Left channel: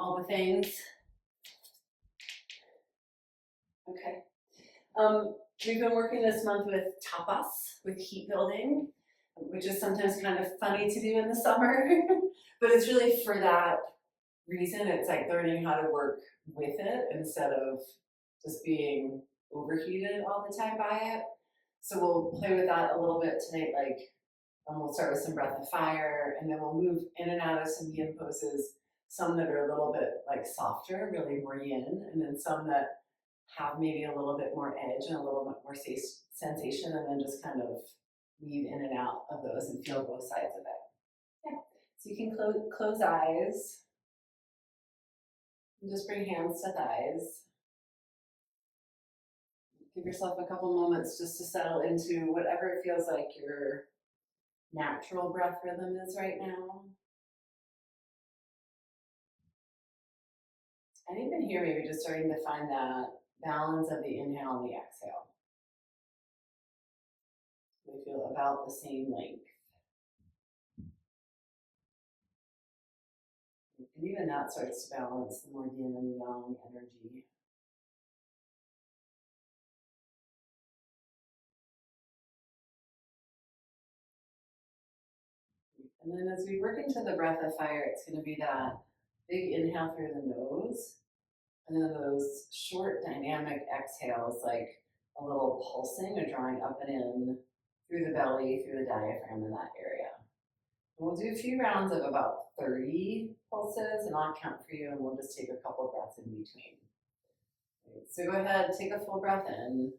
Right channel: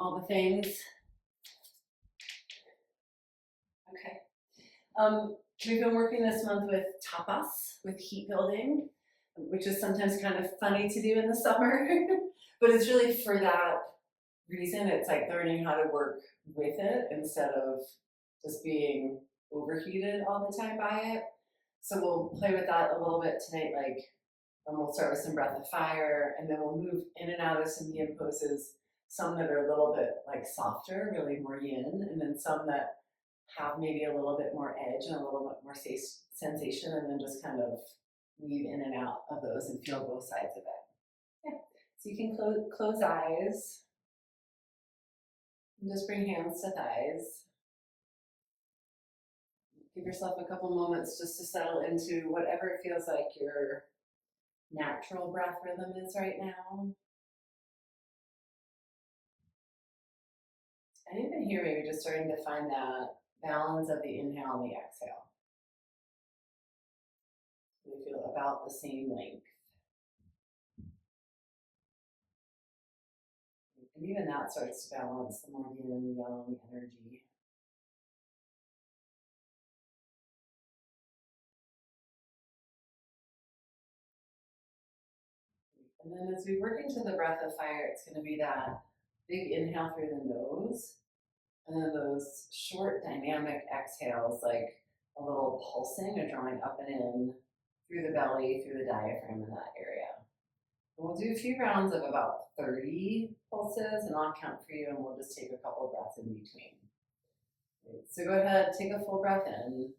all the things. Okay. We've been working this month with Tapas, with heat building, which is sometimes kind of funny to do in the summer, but it's really for that reason. It's like learning how to work with it instead of just being overheated all the time by it. So we'll play with that a little bit tonight, we'll start with some breath of fire, and then we'll move in and out of some yin poses, some that are a little bit like softer, really more yin, and then some that have maybe a little bit more edge and a little bit more sensation, and then just kind of weave in and out of those and feel both sides of it. Yeah. So you can close eyes and just bring hands to thighs. Give yourself a couple moments just to settle into whatever it feels like your natural breath rhythm is right now. And even here, maybe just starting to find that balance of the inhale and the exhale. We feel about the same length. And even that starts to balance the more yin and yang energy. And then as we work into the breath of fire, it's going to be that big inhale through the nose, and then those short dynamic exhales, like a little pulsing or drawing up and in through the belly, through the diaphragm in that area. And we'll do a few rounds of about 30 pulses, and I'll count for you, and we'll just take a couple of breaths in between. So go ahead, take a full breath in,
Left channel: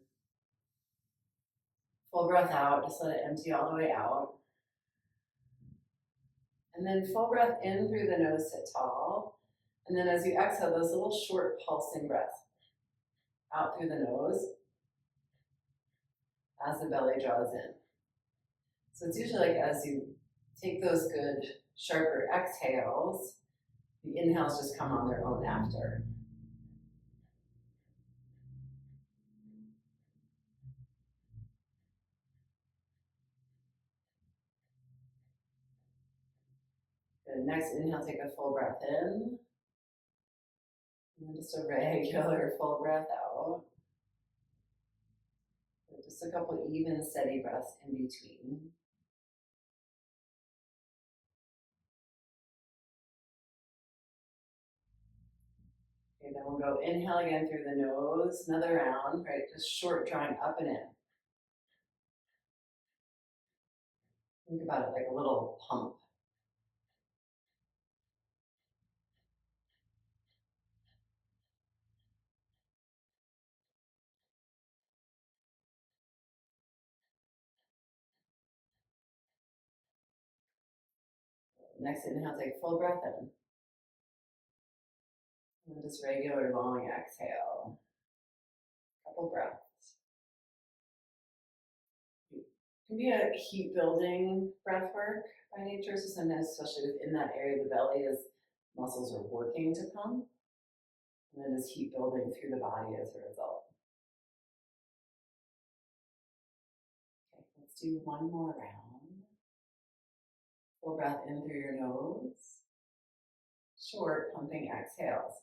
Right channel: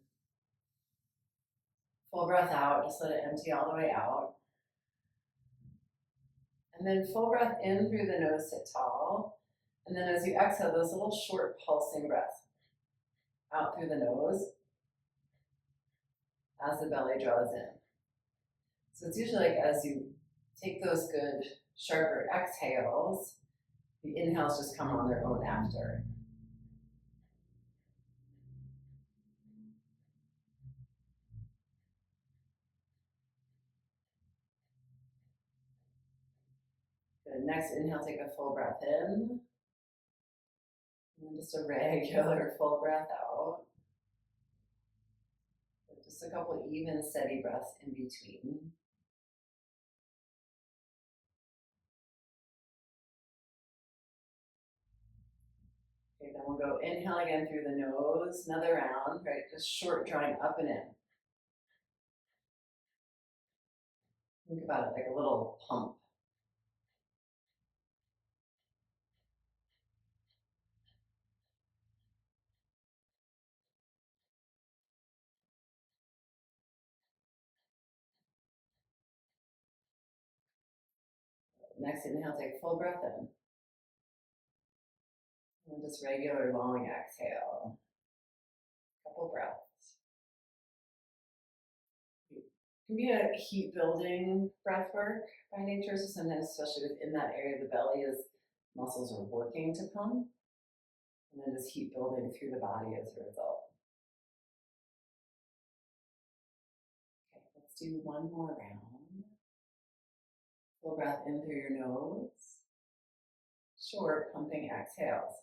full breath out, just let it empty all the way out. And then full breath in through the nose, sit tall. And then as you exhale, those little short pulsing breaths out through the nose as the belly draws in. So it's usually like as you take those good, sharper exhales, the inhales just come on their own after. Good. Next inhale, take a full breath in. And then just a regular full breath out. Just a couple even, steady breaths in between. Okay, then we'll go inhale again through the nose, another round, right? Just short, drawing up and in. Think about it like a little pump. Next inhale, take full breath in. And just regular long exhale. Couple breaths. It can be a heat building breath work by nature, so sometimes, especially within that area of the belly, as muscles are working to pump, and then just heat building through the body as a result. Okay, let's do one more round. Full breath in through your nose. Short, pumping exhales.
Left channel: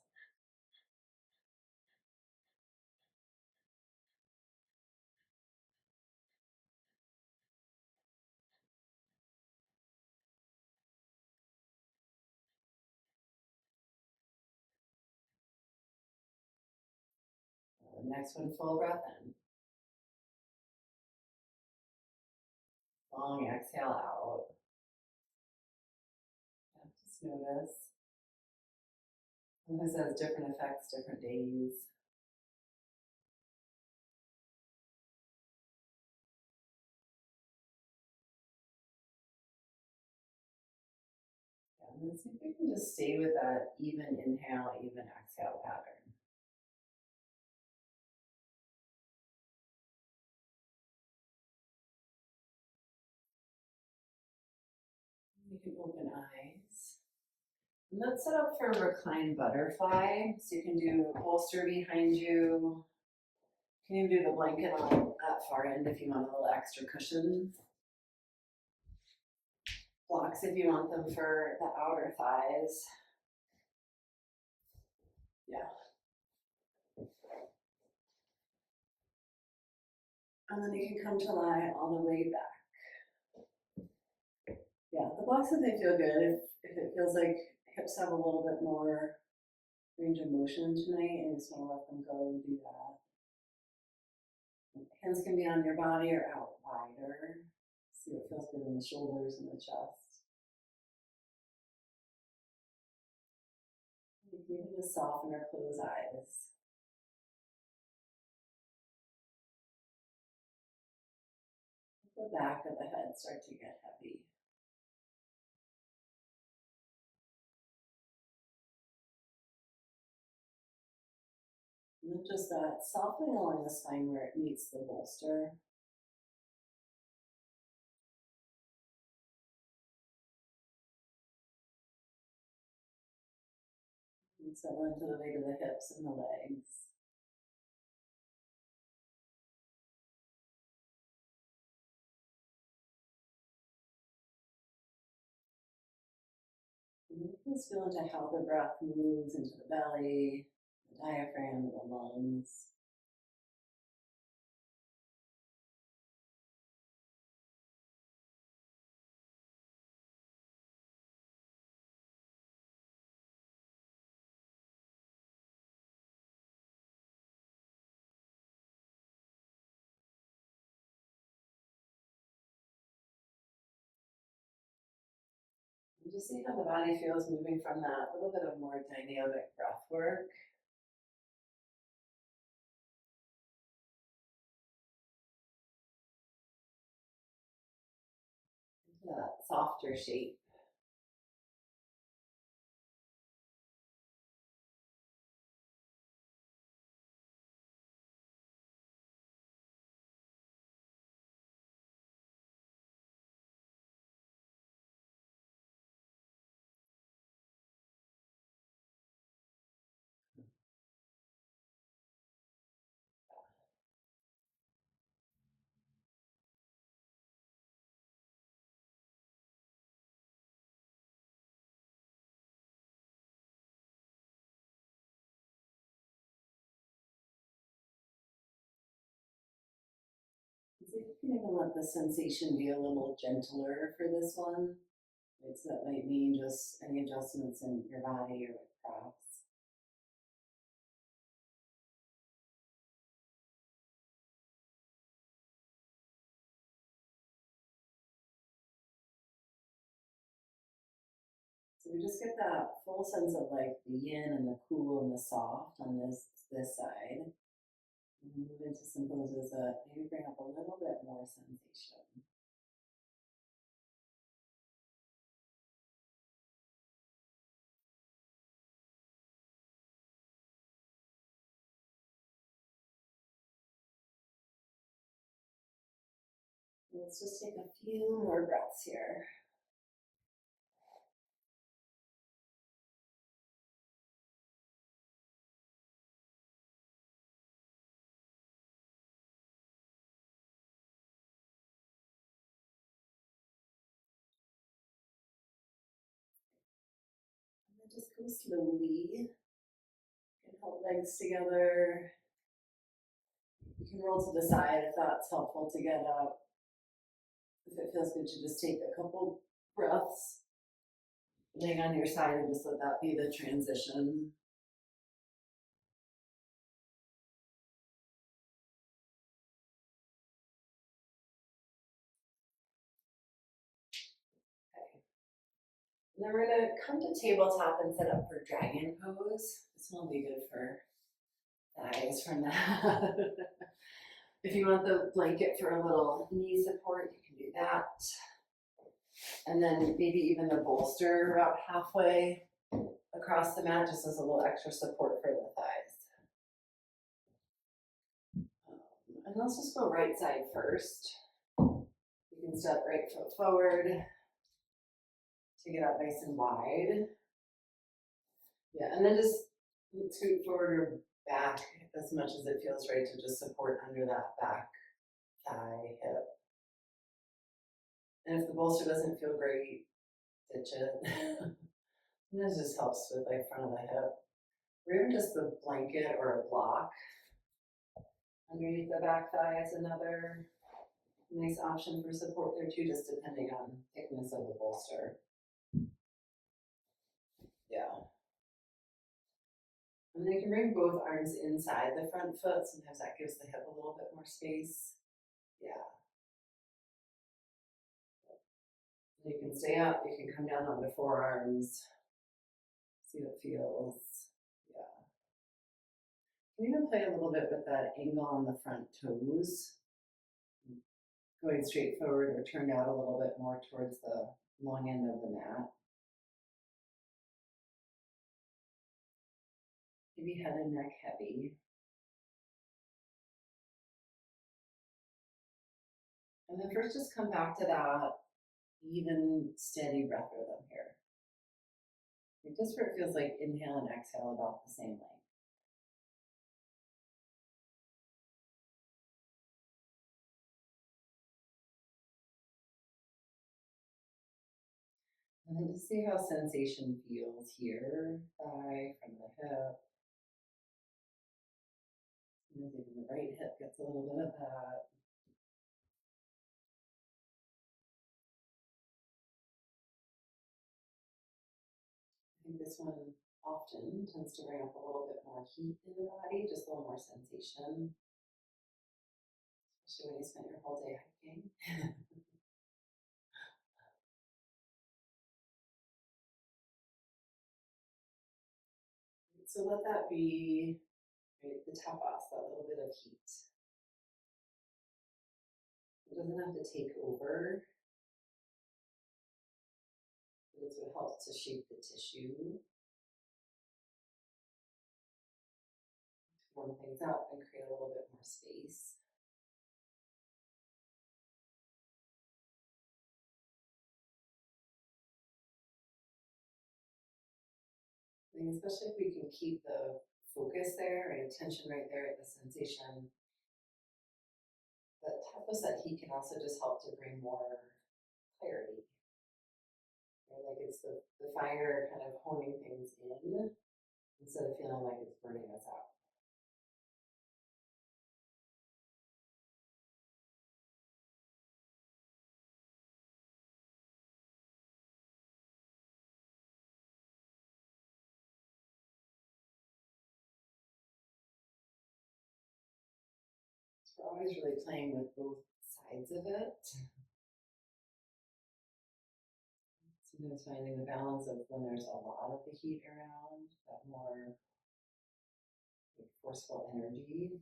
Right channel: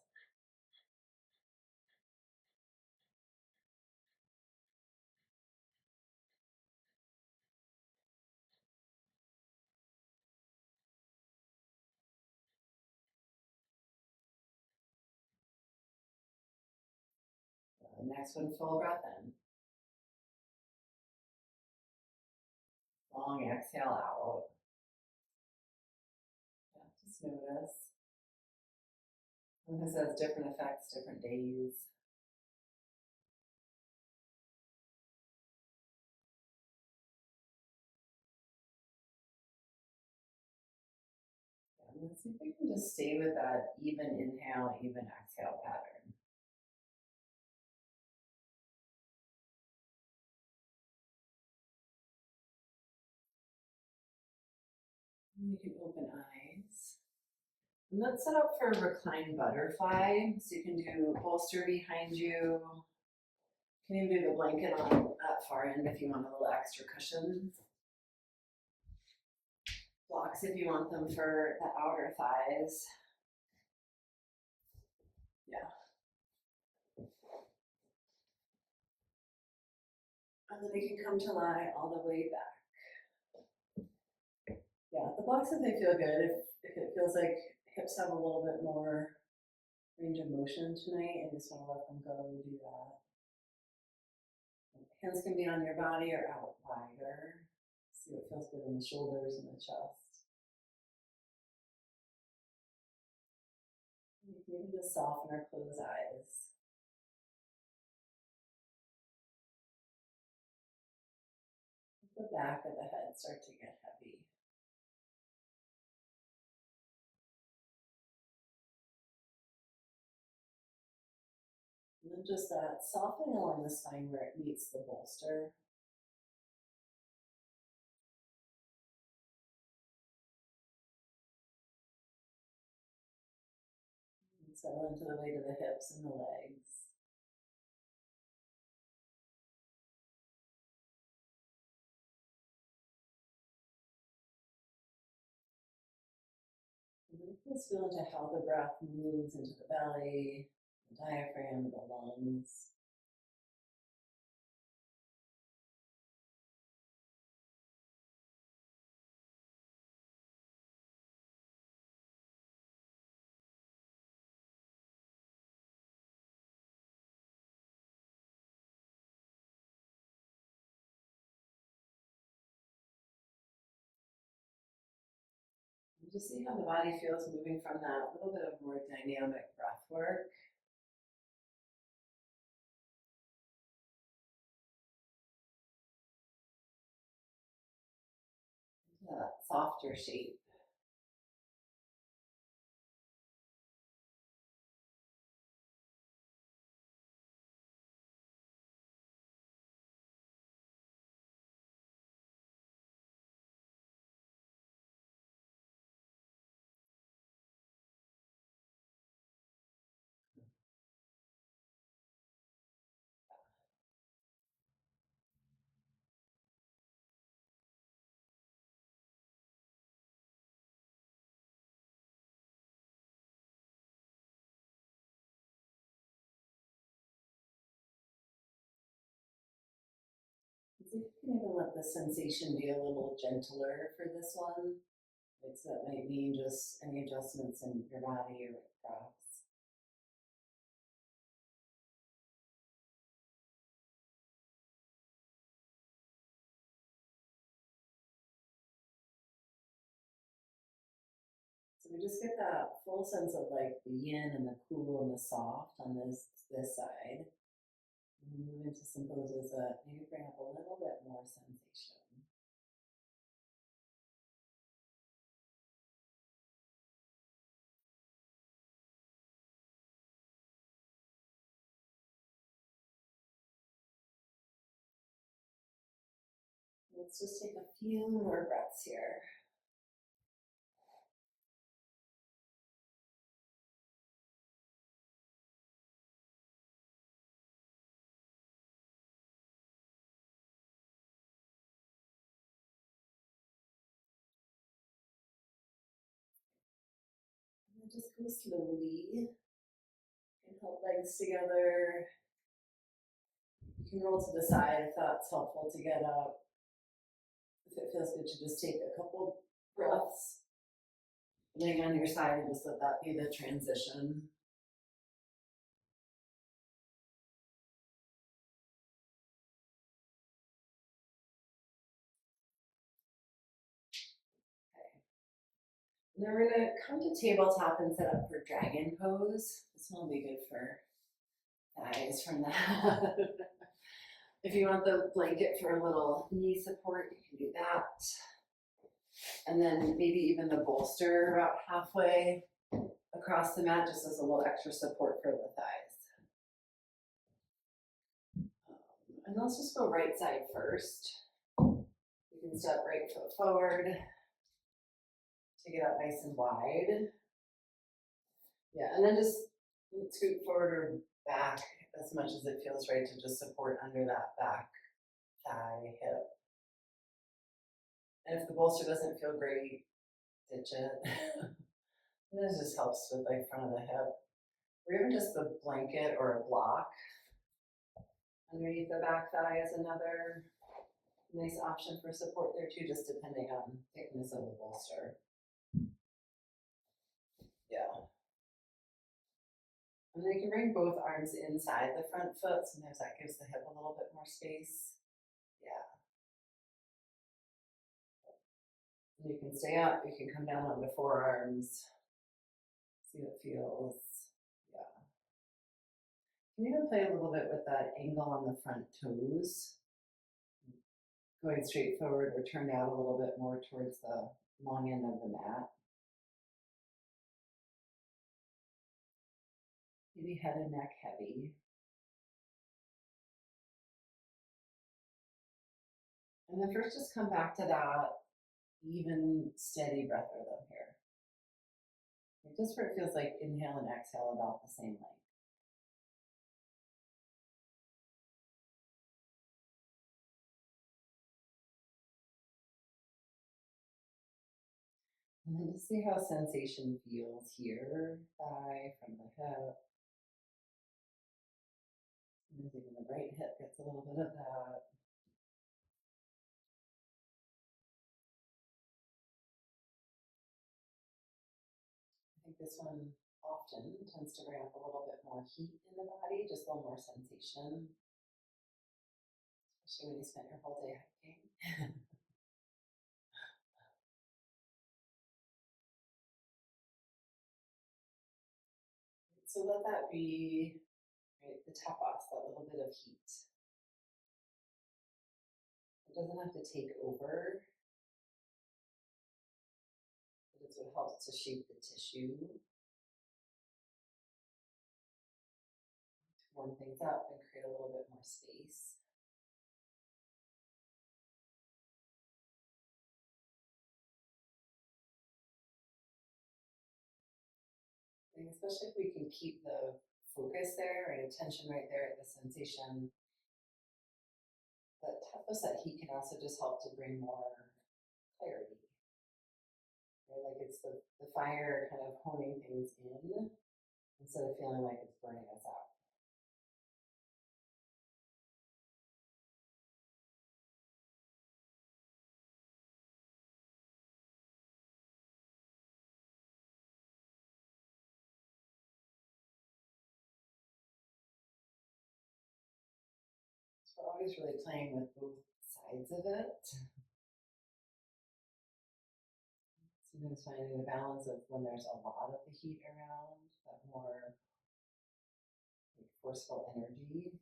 Next one, full breath in. Long exhale out. Yeah, just notice. Sometimes it has different effects, different days. Yeah, and then see if we can just stay with that even inhale, even exhale pattern. And you can open eyes. And let's set up for a reclined butterfly. So you can do bolster behind you. You can even do the blanket on that far end if you want a little extra cushion. Blocks if you want them for the outer thighs. Yeah. And then you can come to lie all the way back. Yeah, the blocks, if they feel good, if it feels like hips have a little bit more range of motion tonight and you just want to let them go, you do that. Hands can be on your body or out wider. See what feels good in the shoulders and the chest. You can even just soften or close eyes. The back of the head start to get heavy. And then just that softening along the spine where it meets the bolster. And settle into the weight of the hips and the legs. And then let's feel into how the breath moves into the belly, the diaphragm, the lungs. And just see how the body feels moving from that little bit of more dynamic breath work into that softer shape. And see if you can even let the sensation be a little gentler for this one. So that might mean just any adjustments in your body or props. So we just get that full sense of like the yin and the cool and the soft on this side. And move into some poses that maybe bring up a little bit more sensation. Let's just take a few more breaths here. And just go slowly. You can hold legs together. You can roll to the side if that's helpful to get up. If it feels good to just take a couple breaths, laying on your side and just let that be the transition. Okay. And then we're going to come to tabletop and set up for dragon pose. This one will be good for thighs from that. If you want the blanket for a little knee support, you can do that. And then maybe even the bolster about halfway across the mat just as a little extra support for the thighs. And let's just go right side first. You can step right foot forward to get up nice and wide. Yeah, and then just scoot forward or back as much as it feels right to just support under that back thigh, hip. And if the bolster doesn't feel great, ditch it. And this just helps with like front of the hip. or even just the blanket or a block underneath the back thigh is another nice option for support there too, just depending on thickness of the bolster. Yeah. And then you can bring both arms inside the front foot. Sometimes that gives the hip a little bit more space. Yeah. And you can stay up, you can come down on the forearms, see what feels. Yeah. You can even play a little bit with that angle on the front toes, going straight forward or turned out a little bit more towards the long end of the mat. Maybe head and neck heavy. And then first just come back to that even, steady breath rhythm here. Just where it feels like inhale and exhale about the same length. And then just see how sensation feels here, thigh from the hip. And even the right hip gets a little bit of that. I think this one often tends to bring up a little bit more heat in the body, just a little more sensation, especially when you spent your whole day hiking. So let that be, right, the tapas, that little bit of heat. It doesn't have to take over, but it's what helps to shape the tissue, to warm things up and create a little bit more space. And especially if we can keep the focus there and attention right there at the sensation, that tapas, that heat can also just help to bring more clarity. Right? Like it's the fire kind of honing things in instead of feeling like it's burning us out. So we're always really playing with both sides of it. Sometimes finding the balance of when there's a lot of the heat around, that more like forceful energy.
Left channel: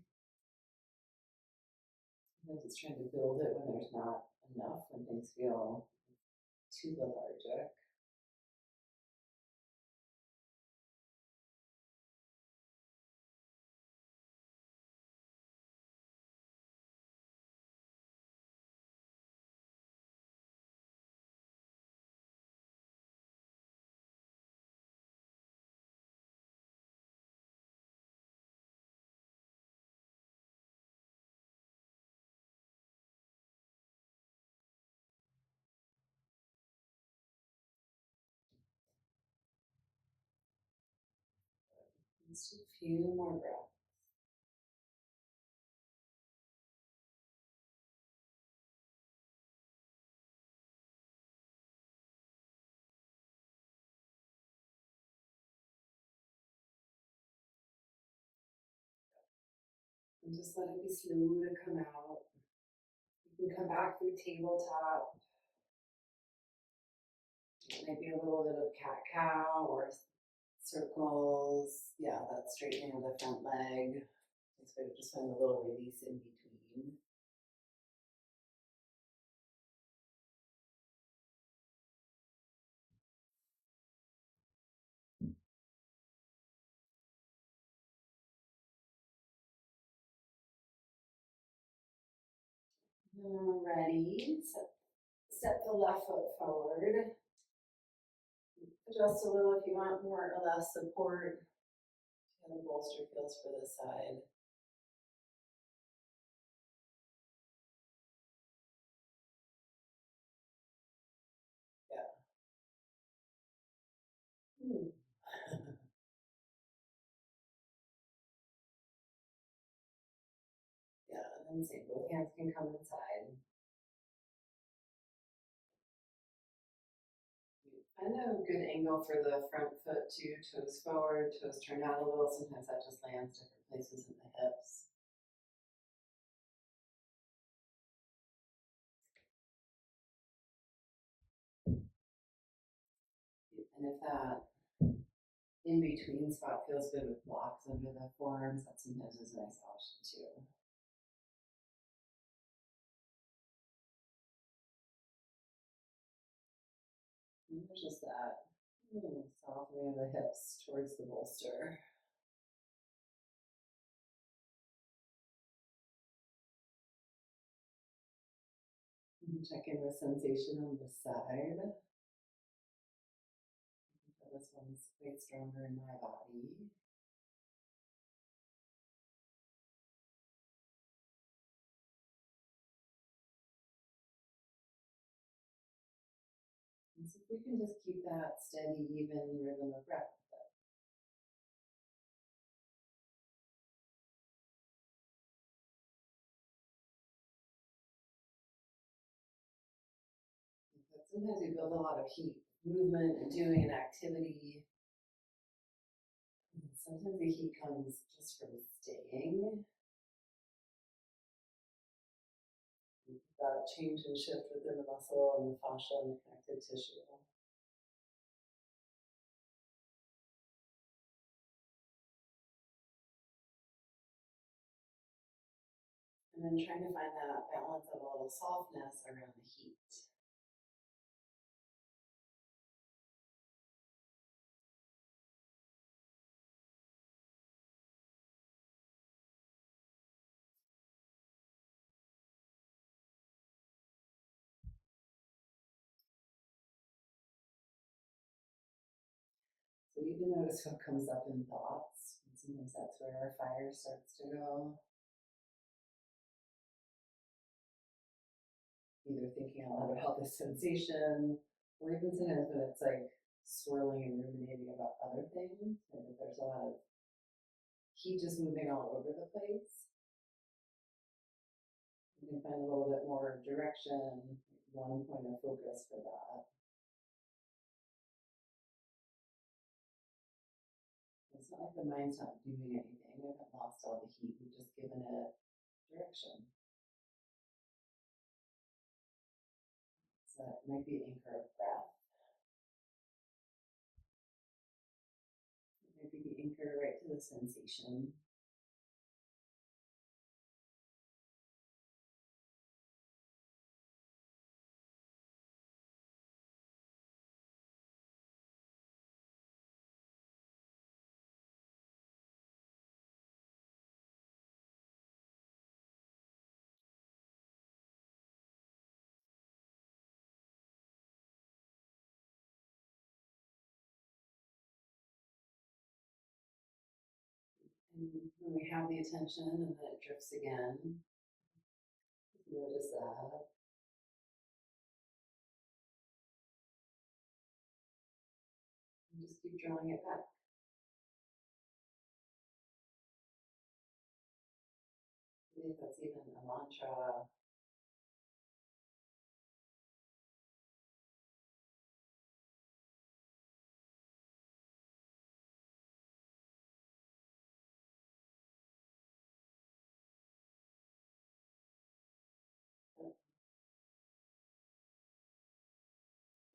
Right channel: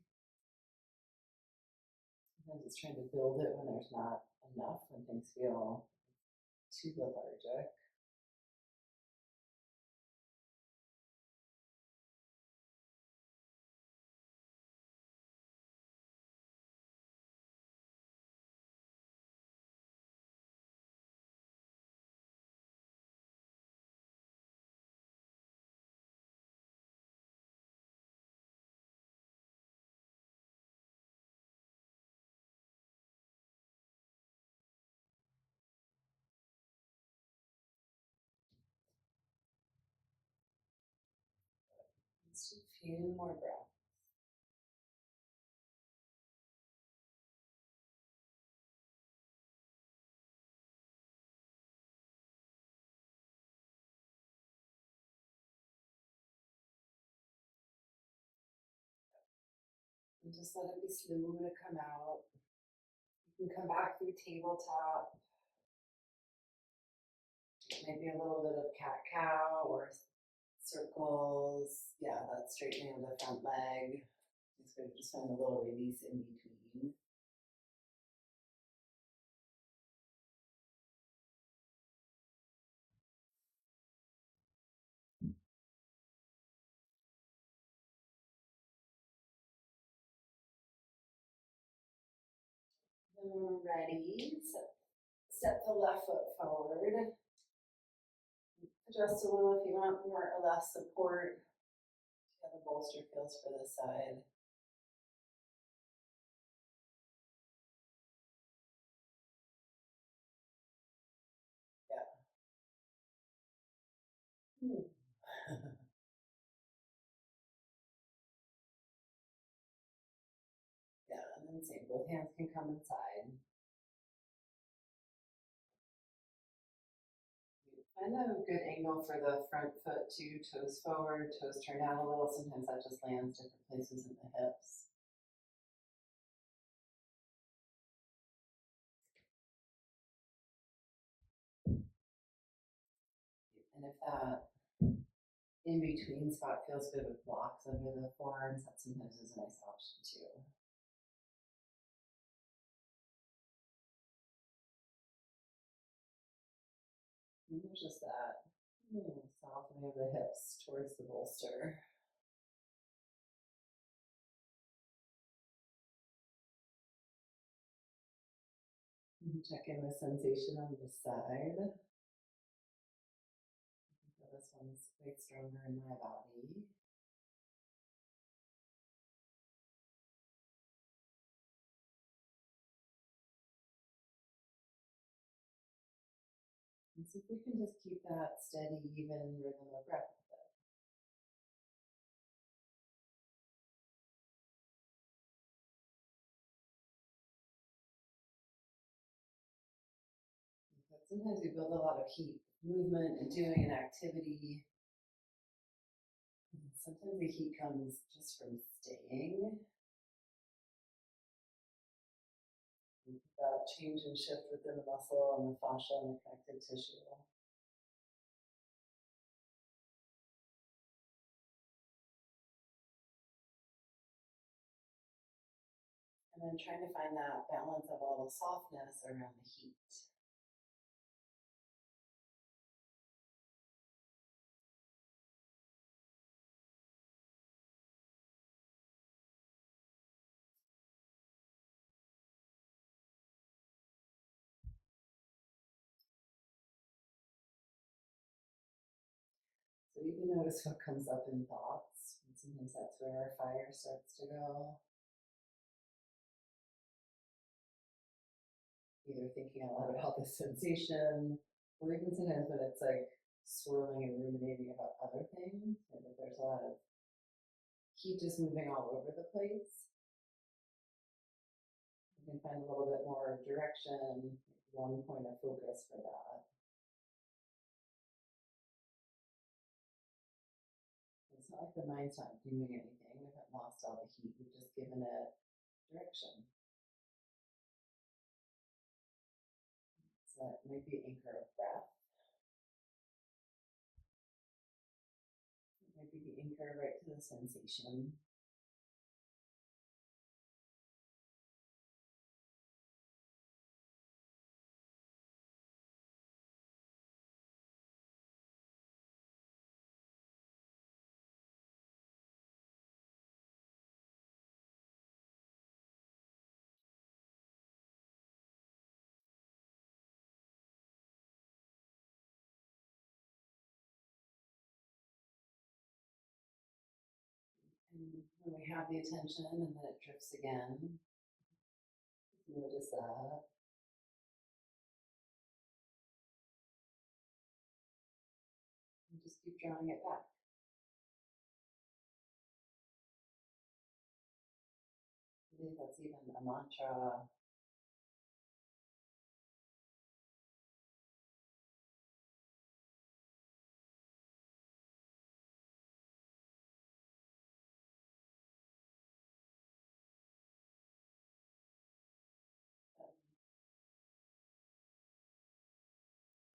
Sometimes it's trying to build it when there's not enough, when things feel too lethargic. Just a few more breaths. And just let it be slow to come out. You can come back through tabletop. Maybe a little bit of cat cow or circles. Yeah, that straightening of the front leg. So just find a little release in between. Ready. Step the left foot forward. Adjust a little if you want more or less support. How the bolster feels for this side. Yeah. And same, both hands can come inside. Find a good angle for the front foot too, toes forward, toes turn out a little. Sometimes that just lands different places in the hips. And if that in between spot feels good with blocks under the forearms, that sometimes is a nice option too. And there's just that softening of the hips towards the bolster. And check in with sensation on the side. This one's quite stronger in my body. And so if we can just keep that steady, even rhythm of breath with it. But sometimes we build a lot of heat, movement and doing an activity. And sometimes the heat comes just from staying. That change and shift within the muscle and the fascia and the connective tissue. And then trying to find that balance of a little softness around the heat. So even notice what comes up in thoughts. And sometimes that's where our fire starts to go. Either thinking out loud about the sensation, or even sometimes when it's like swirling and ruminating about other things, maybe there's a lot of heat just moving all over the place. You can find a little bit more direction, one point of focus for that. It's not like the mind's not doing anything, we haven't lost all the heat, we've just given it direction. So it might be anchor of breath. It might be the anchor right to the sensation. And when we have the attention and then it drifts again, notice that. And just keep drawing it back. Maybe that's even a mantra.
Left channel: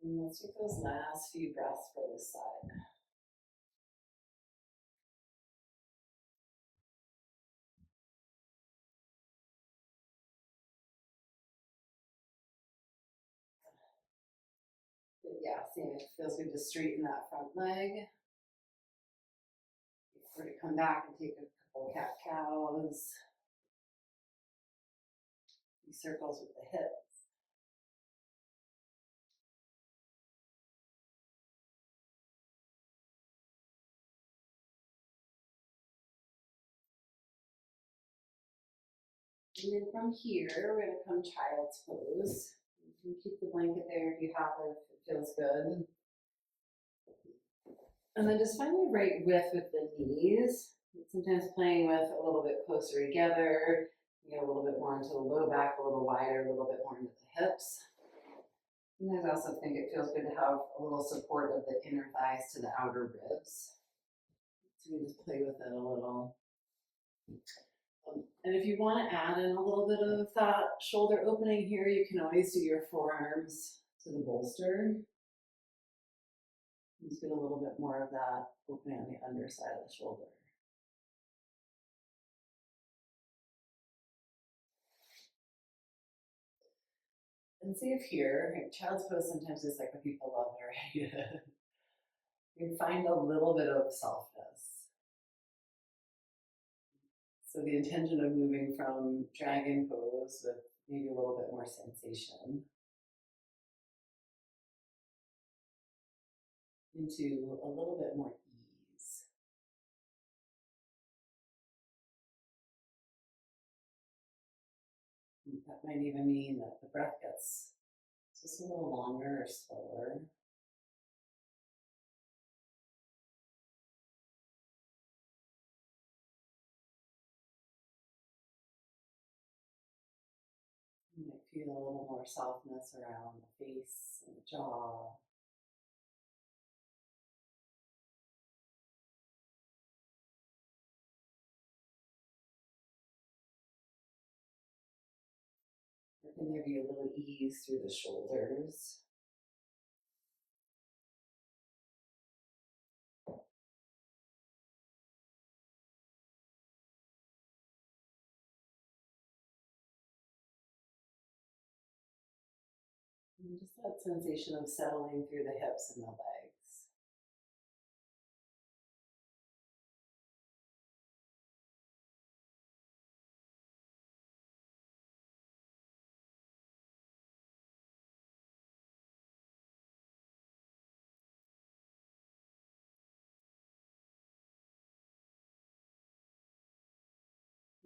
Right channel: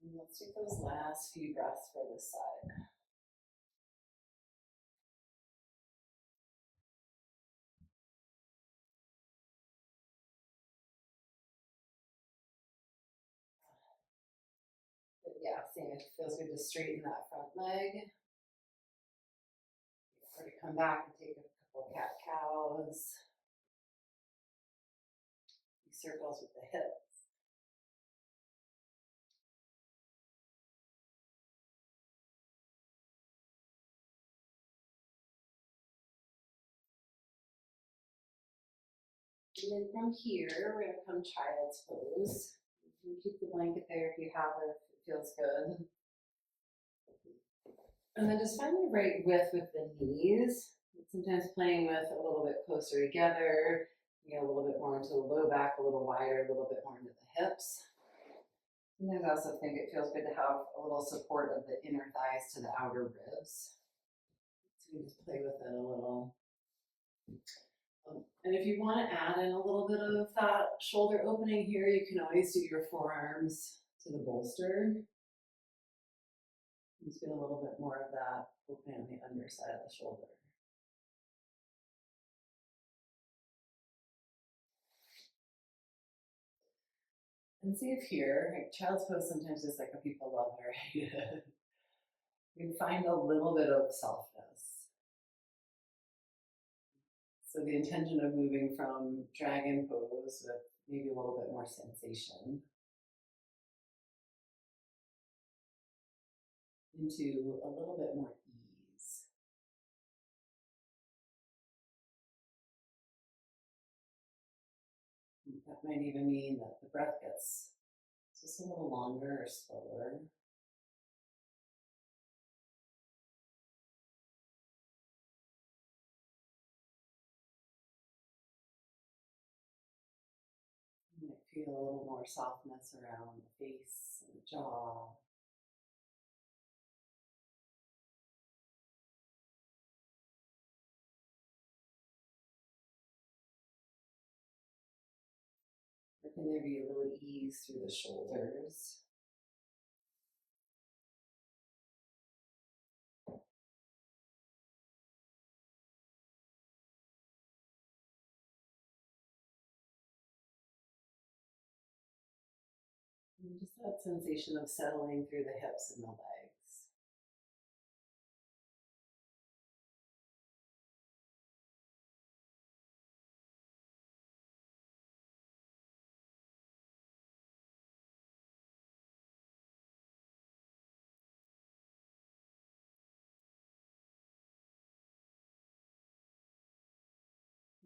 And let's take those last few breaths for this side. But yeah, same, it feels good to straighten that front leg. Or to come back and take a couple cat cows. These circles with the hips. And then from here, we're going to come child's pose. You can keep the blanket there if you have it, if it feels good. And then just find the right width with the knees. Sometimes playing with a little bit closer together. Get a little bit more into the low back, a little wider, a little bit more into the hips. Sometimes I also think it feels good to have a little support of the inner thighs to the outer ribs. So we just play with it a little. And if you want to add in a little bit of that shoulder opening here, you can always do your forearms to the bolster. Just get a little bit more of that opening on the underside of the shoulder. And see if here, like child's pose sometimes is like what people love, right? You can find a little bit of softness. So the intention of moving from dragon pose with maybe a little bit more sensation into a little bit more ease. That might even mean that the breath gets just a little longer or slower. You might feel a little more softness around the face and the jaw. Or can there be a little ease through the shoulders? And just that sensation of settling through the hips and the legs.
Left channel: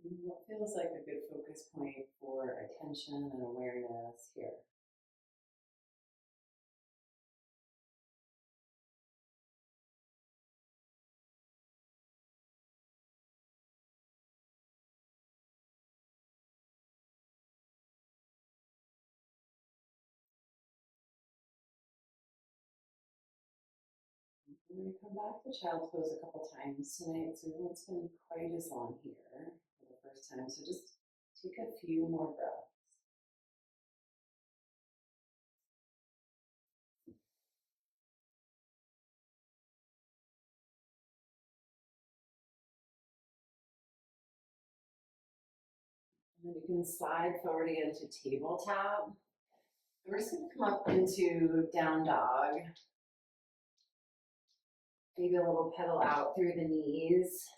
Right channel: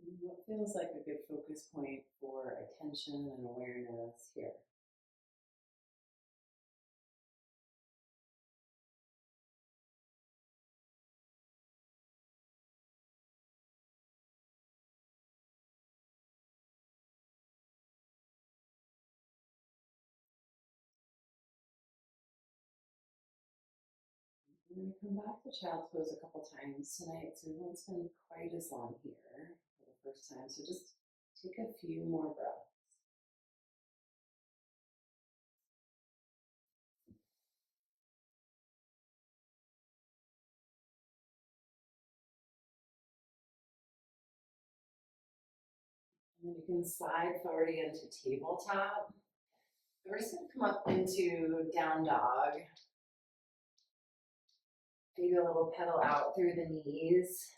And what feels like a good focus point for attention and awareness here? We're going to come back to child's pose a couple times tonight, so we won't spend quite as long here for the first time. So just take a few more breaths. And then you can slide forward again to tabletop. We're just going to come up into down dog. Maybe a little pedal out through the knees.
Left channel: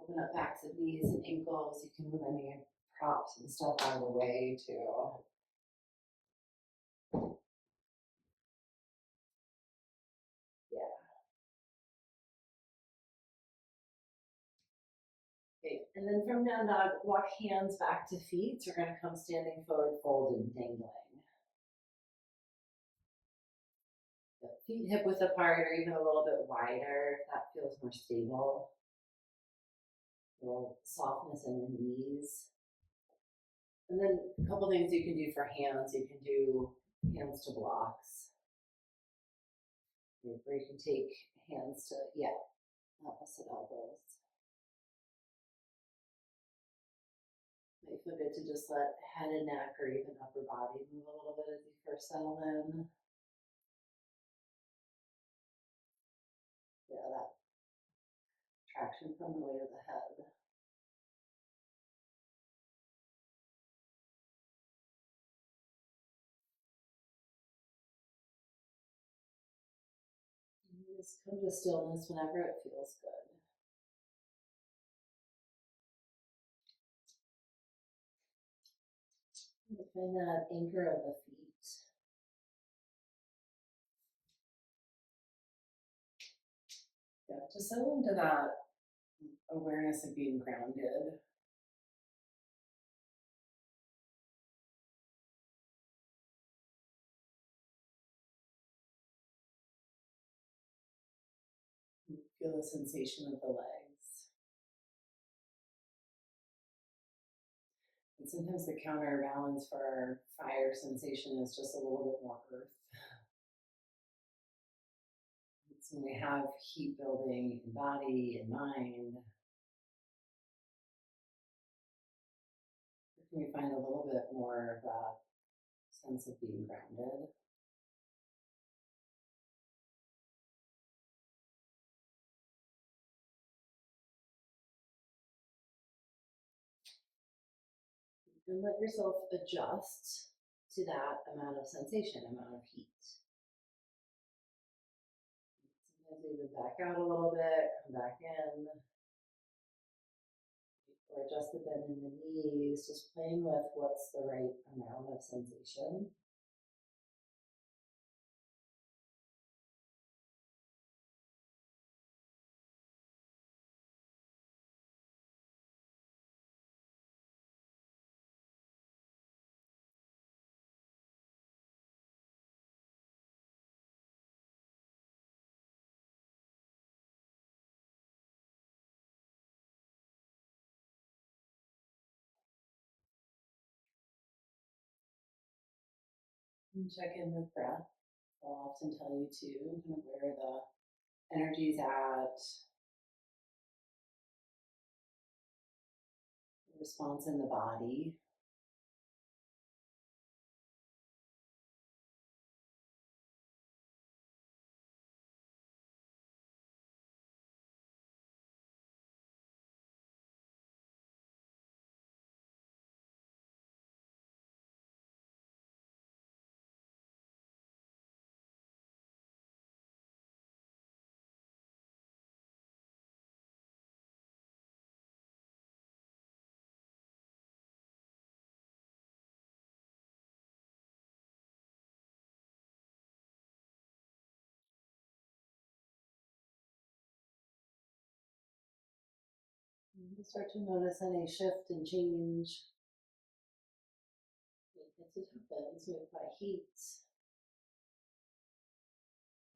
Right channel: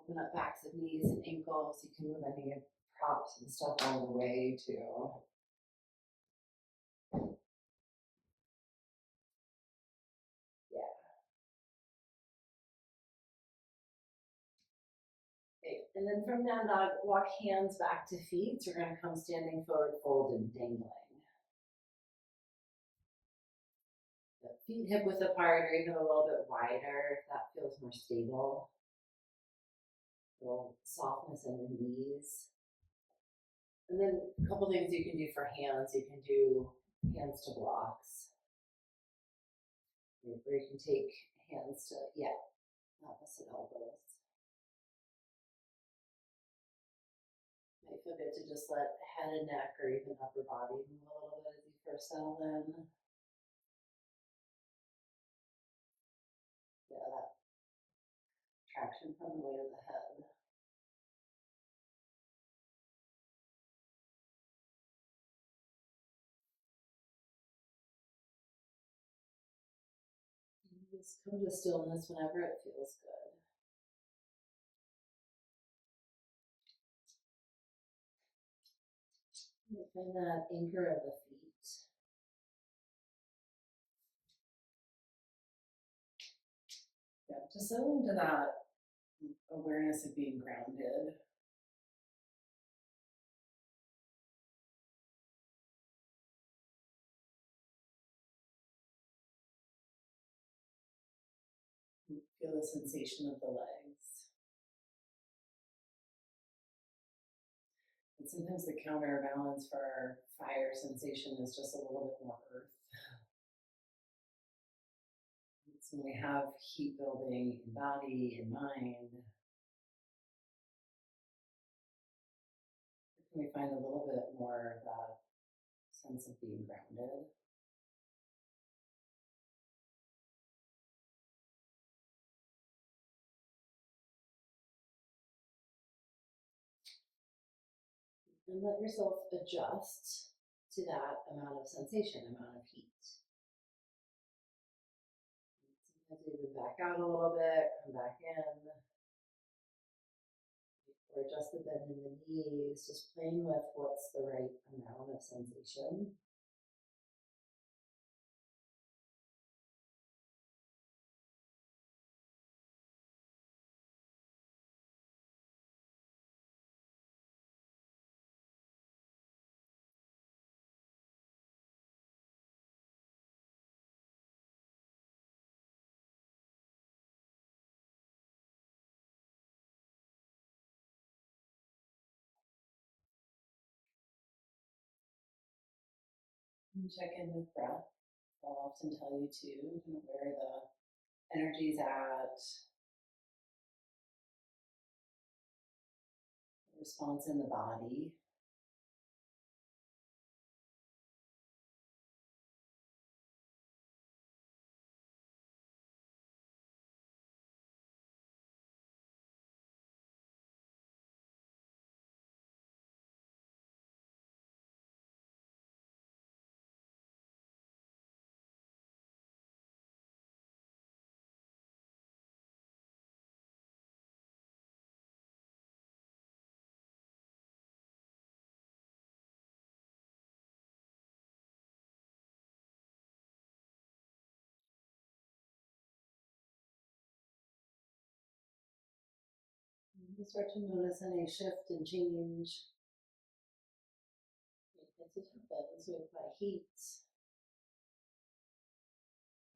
Open up backs of knees and ankles. You can move any props and stuff out of the way too. Yeah. Okay. And then from down dog, walk hands back to feet. So we're going to come standing forward, fold, and dangling. The feet hip width apart or even a little bit wider if that feels more stable. A little softness in the knees. And then a couple things you can do for hands. You can do hands to blocks. Or you can take hands to, opposite elbows. Might feel good to just let head and neck or even upper body move a little bit as you first settle in. Yeah, that traction from the weight of the head. And just come to stillness whenever it feels good. And find that anchor of the feet. Yeah, just settle into that awareness of being grounded. Feel the sensation of the legs. And sometimes the counterbalance for our fire sensation is just a little bit more earth. So when we have heat building in body and mind, we find a little bit more of that sense of being grounded. And let yourself adjust to that amount of sensation, amount of heat. Sometimes even back out a little bit, come back in. Or adjust the bend in the knees, just playing with what's the right amount of sensation. And check in with breath. I'll often tell you too, kind of where the energy's at, the response in the body. And you start to notice any shift and change. It happens with my heat.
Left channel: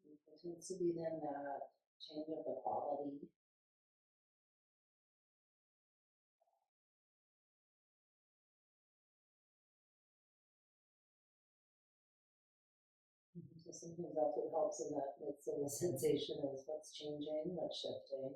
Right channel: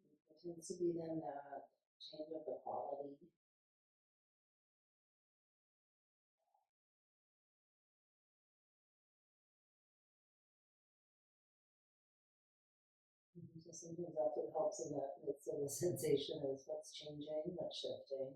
It tends to be then that change of the quality. So sometimes that's what helps in that midst of the sensation is what's changing, what's shifting.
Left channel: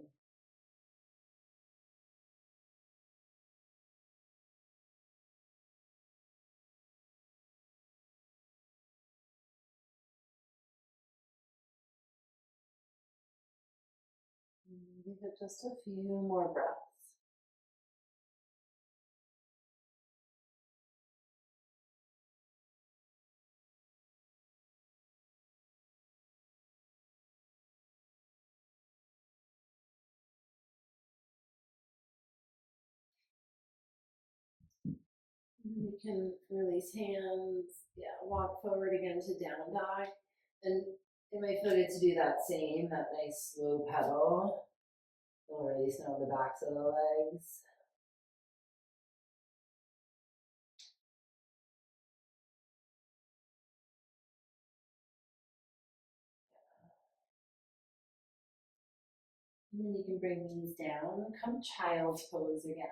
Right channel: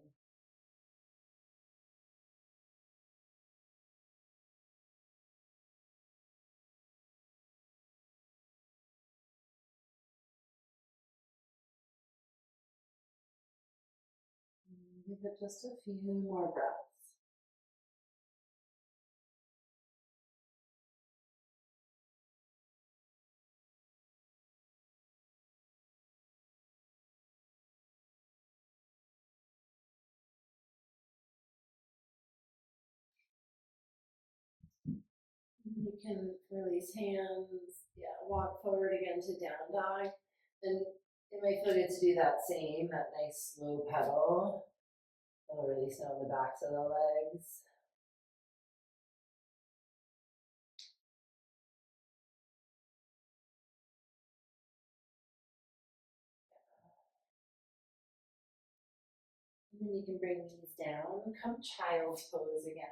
Give it just a few more breaths. You can release hands, yeah, walk forward again to down dog. And invite foot to do that same, that nice slow pedal. Feel release now the backs of the legs. And then you can bring knees down, come child's pose again.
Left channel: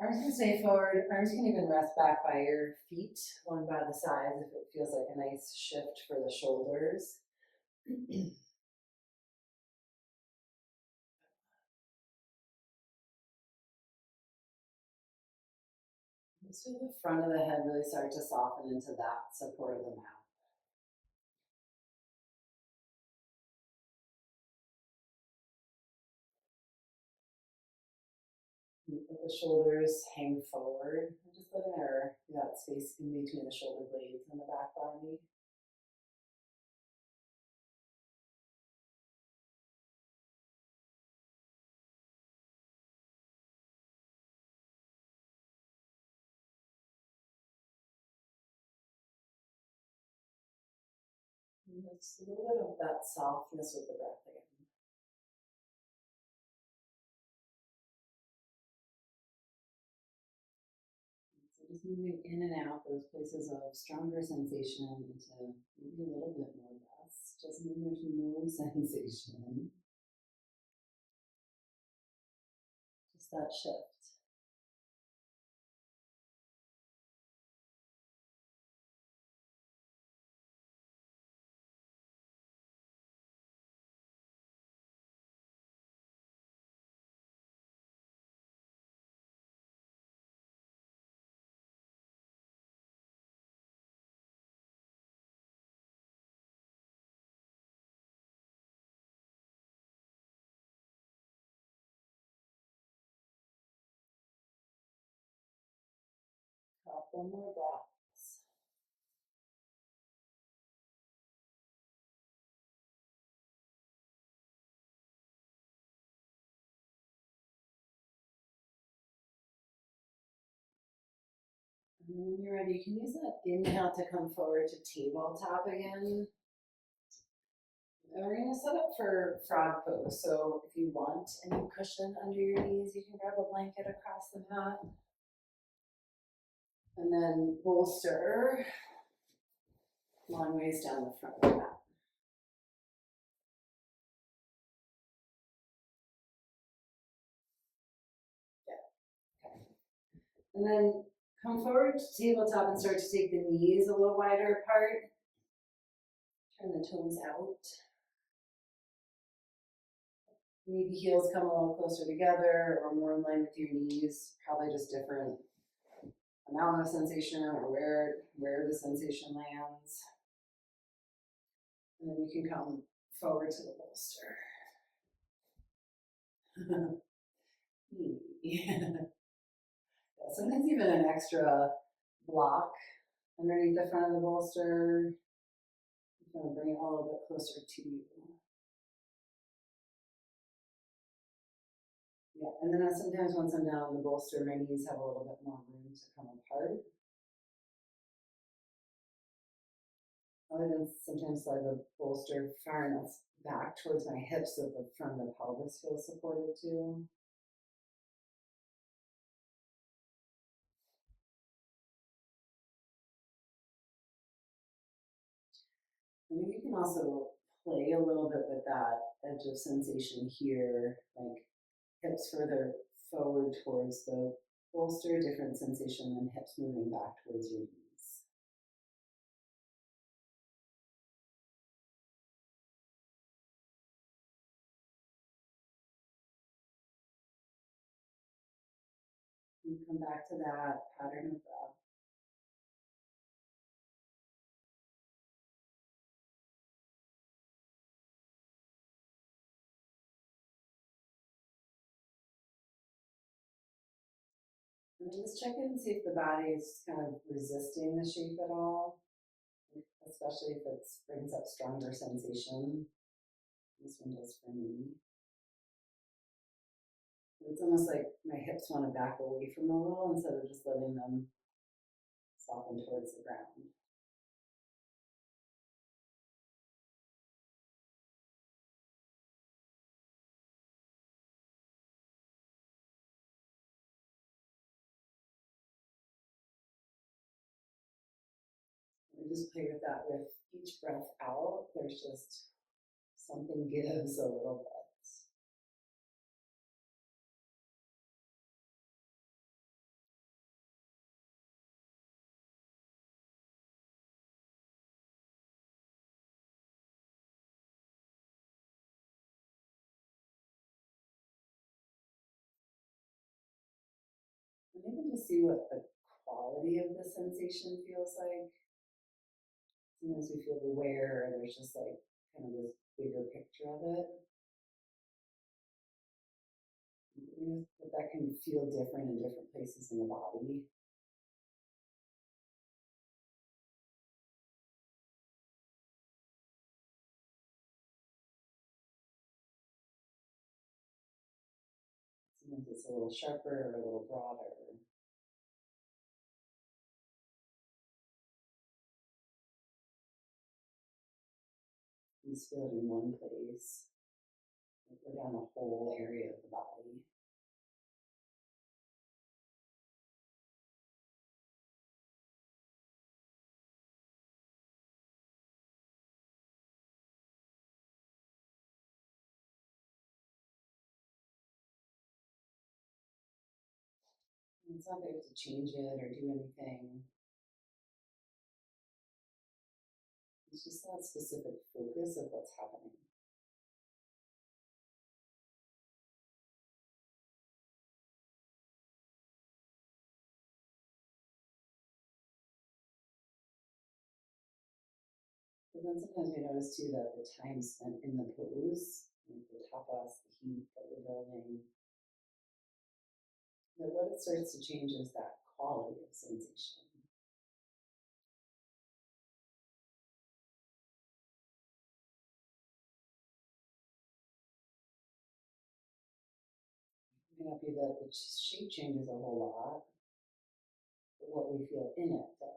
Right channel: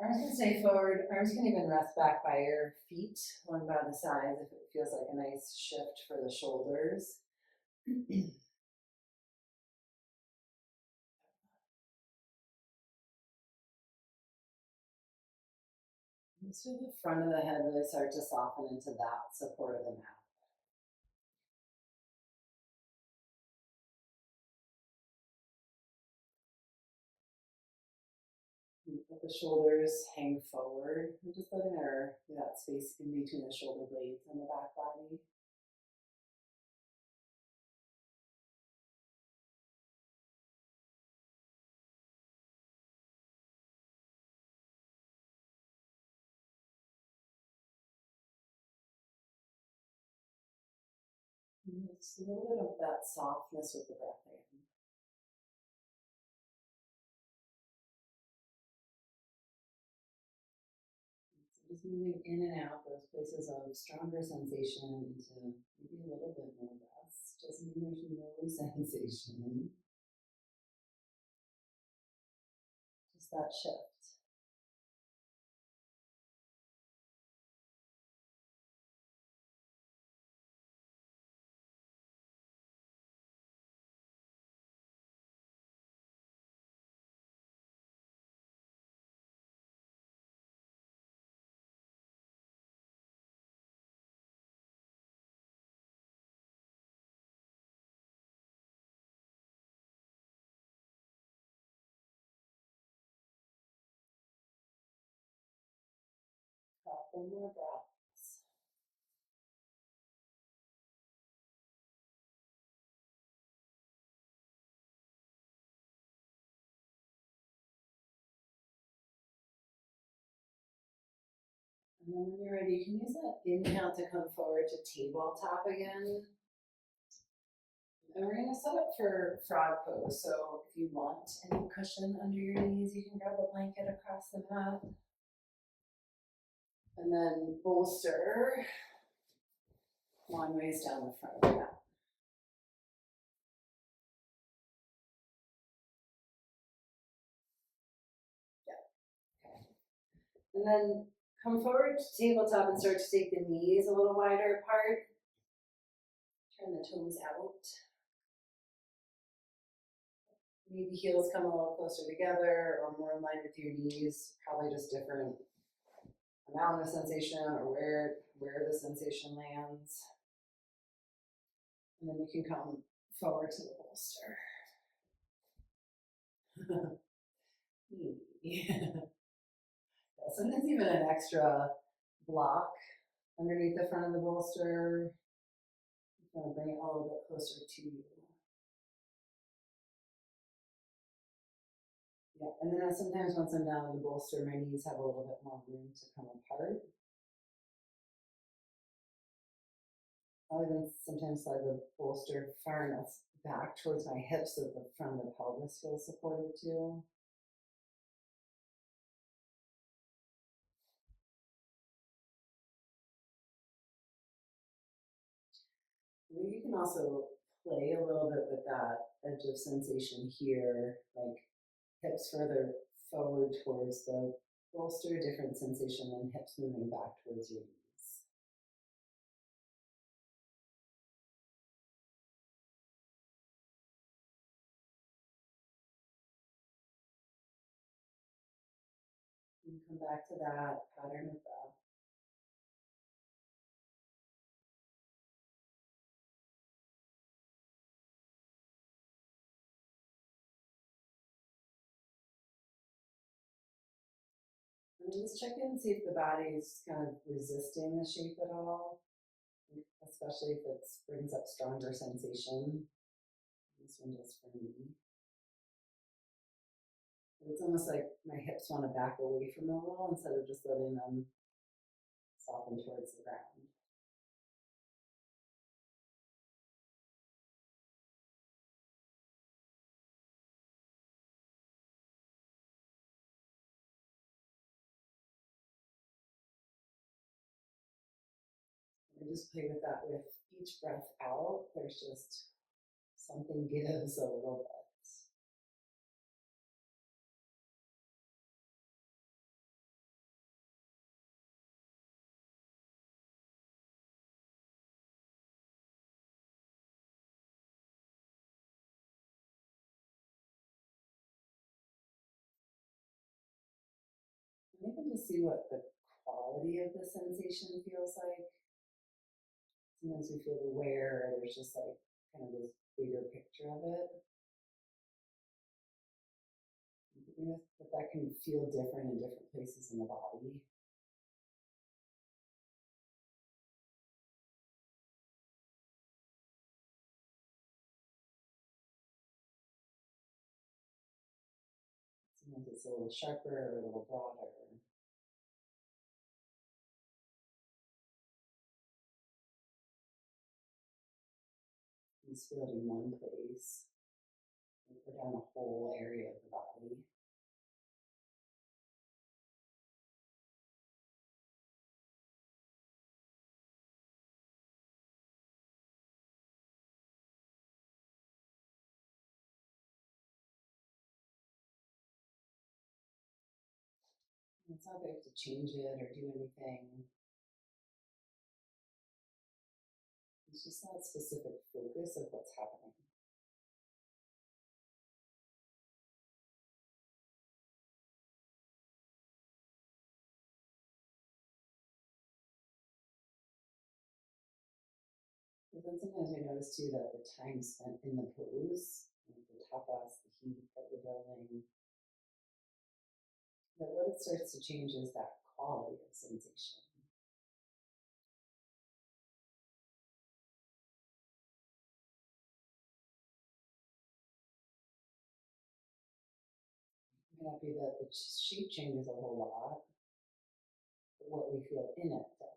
Arms can stay forward, arms can even rest back by your feet, one by the sides if it feels like a nice shift for the shoulders. Just feel the front of the head really start to soften into that support of the mat. Let the shoulders hang forward. And just letting that space in between the shoulder blades and the back body. And just a little bit of that softness with the breath again. So just moving in and out those places of stronger sensation into maybe a little bit more rest. Doesn't mean there's no sensation. Just that shift. couple more breaths. And then when you're ready, you can use that inhale to come forward to tabletop again. And we're gonna set up for frog pose. So if you want any cushion under your knees, you can grab a blanket across the mat. And then bolster long ways down the front of the mat. Yeah, okay. And then come forward to tabletop and start to take the knees a little wider apart. Turn the toes out. Maybe heels come a little closer together or more in line with your knees, probably just different amount of sensation or where the sensation lands. And then you can come forward to the bolster. Sometimes even an extra block underneath the front of the bolster. I'm going to bring it a little bit closer to you. Yeah, and then sometimes once I'm down on the bolster, my knees have a little bit more room to come apart. I'll even sometimes slide the bolster far enough back towards my hips so the front of the pelvis feels supported too. I mean, you can also play a little bit with that edge of sensation here, like hips further forward towards the bolster, different sensation than hips moving back towards your knees. And come back to that pattern of breath. And just check in and see if the body is kind of resisting the shape at all, especially if it brings up stronger sensation. This one does for me. It's almost like my hips want to back away from a little instead of just letting them soften towards the ground. I just play with that with each breath out. There's just something gives a little bit. And even just see what the quality of the sensation feels like. Sometimes we feel the wear, or there's just like kind of this bigger picture of it. But that can feel different in different places in the body. Sometimes it's a little sharper or a little broader. You just feel it in one place, or down a whole area of the body. It's not that you have to change it or do anything. It's just that specific focus of what's happening. But then sometimes we notice too that the time spent in the pose, like the tapas, the heat that you're building, that what it starts to change is that quality of sensation. may not be that the shape changes a whole lot, but what we feel in it does.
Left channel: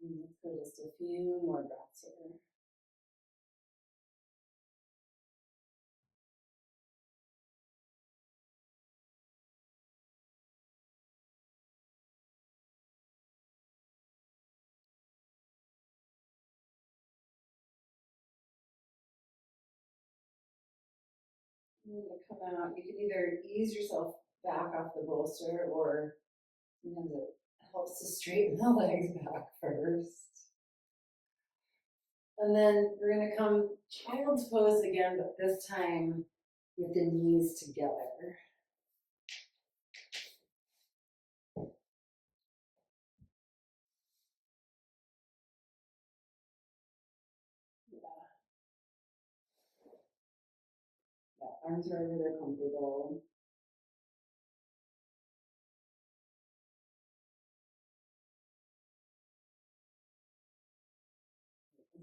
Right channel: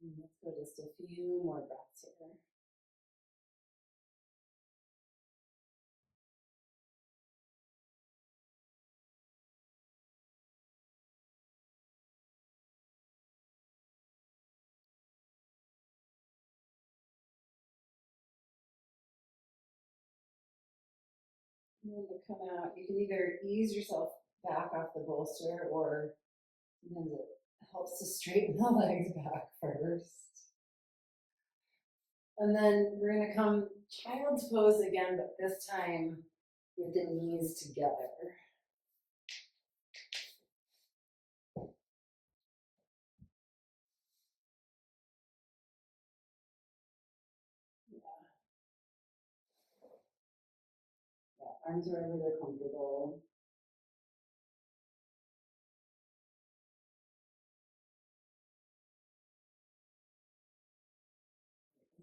And let's go just a few more breaths here. And then to come out, you can either ease yourself back off the bolster, or sometimes it helps to straighten the legs back first. And then we're gonna come child's pose again, but this time with the knees together. Yeah, arms wherever they're comfortable.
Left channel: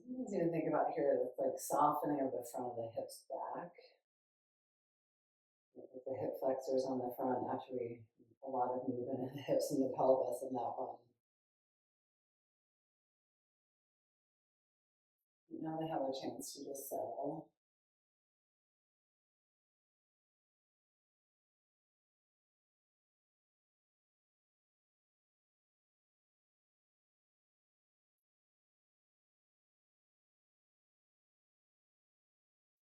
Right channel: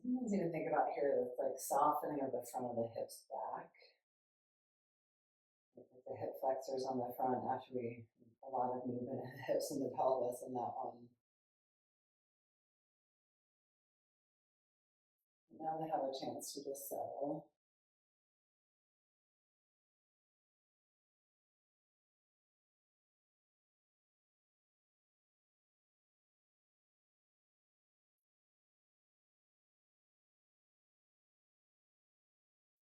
Sometimes you think about here, that's like softening of the front of the hips back. With the hip flexors on the front, actually a lot of movement in the hips and the pelvis in that one. Now they have a chance to just settle.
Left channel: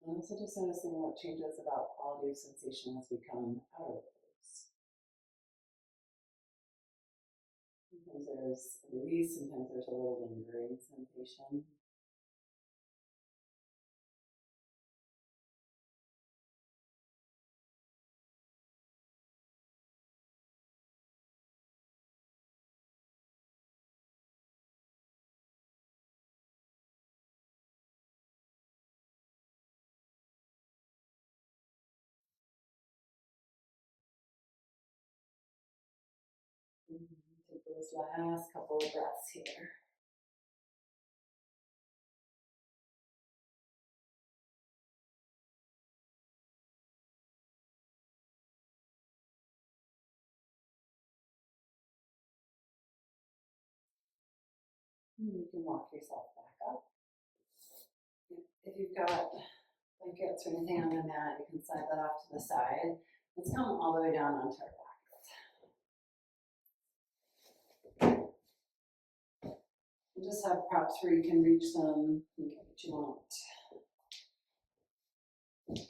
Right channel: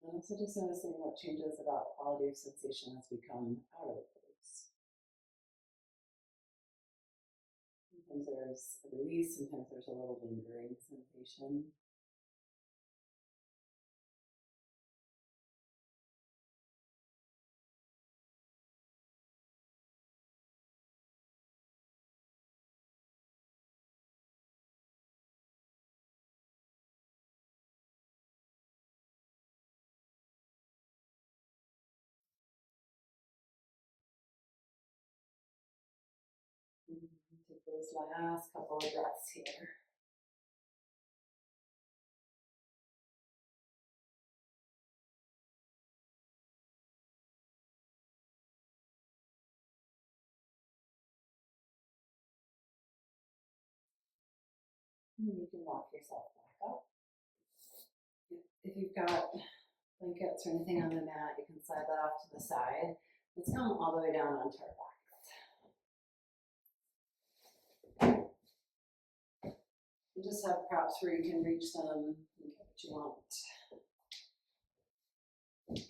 And also just noticing what changes about quality of sensation as we come out of the pose. Sometimes there's a release, sometimes there's a little lingering sensation. Take those last couple of breaths here. And you can walk yourself back up. If you've got blankets or anything on the mat, you can slide that off to the side. Let's come all the way down onto our backs. And just have props where you can reach them and get what you want. Okay.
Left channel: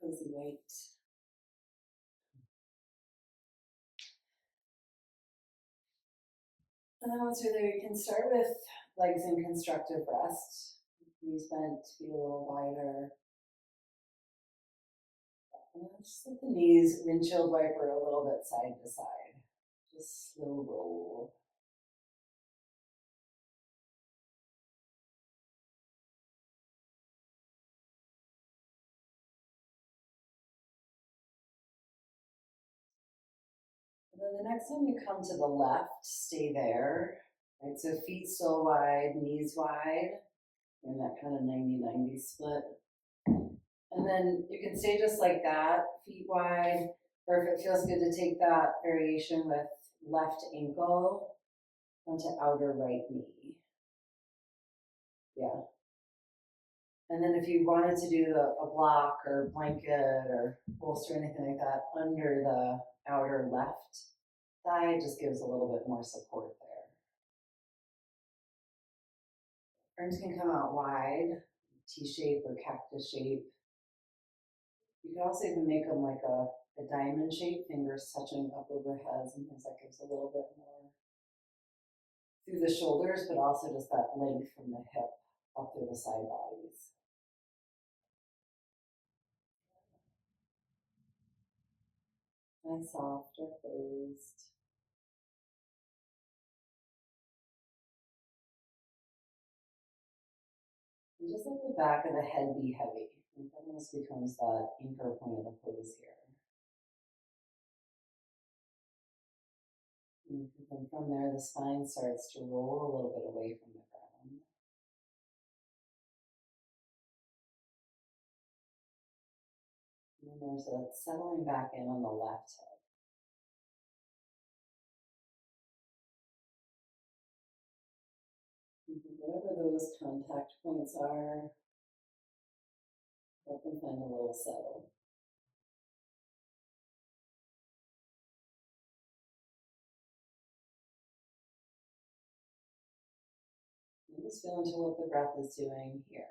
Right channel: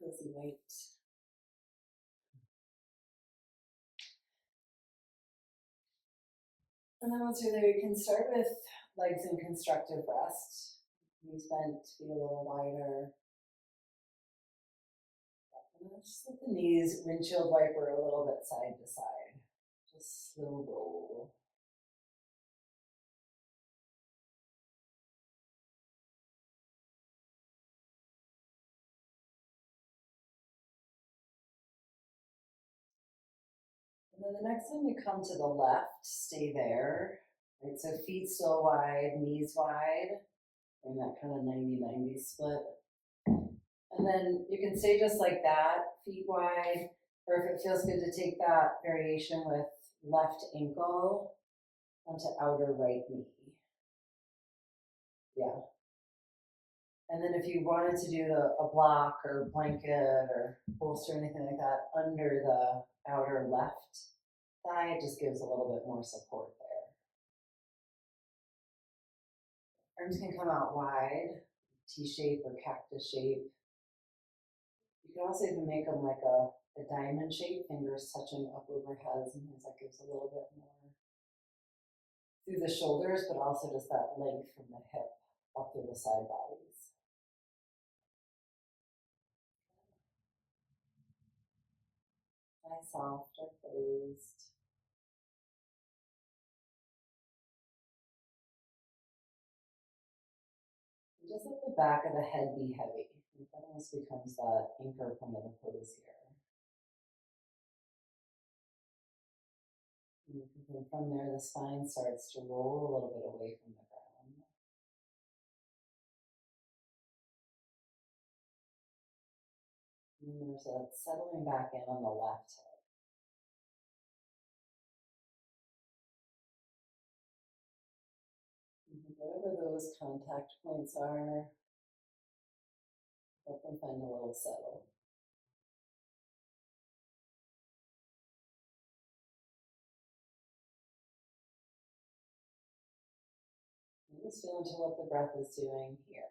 Cozy weight. And then once you're there, you can start with legs in constructive rest. Knees bent, feet a little wider. And then just let the knees windshield wiper a little bit side to side. Just slow roll. And then the next time you come to the left, stay there. Right, so feet still wide, knees wide, in that kind of 90-90 split. And then you can stay just like that, feet wide, or if it feels good to take that variation with left ankle onto outer right knee. Yeah. And then if you wanted to do a block or blanket or bolster or anything like that under the outer left thigh, it just gives a little bit more support there. Arms can come out wide, T-shape or cactus shape. You could also even make them like a diamond shape, fingers touching up over heads, and things that gives a little bit more through the shoulders, but also just that length from the hip up through the side bodies. Nice, soft or closed. And just let the back of the head be heavy. That almost becomes that anchor point of the pose here. And then from there, the spine starts to roll a little bit away from the ground. And there's a settling back in on the left hip. Whatever those contact points are, help them find a little settle. And just feel into what the breath is doing here.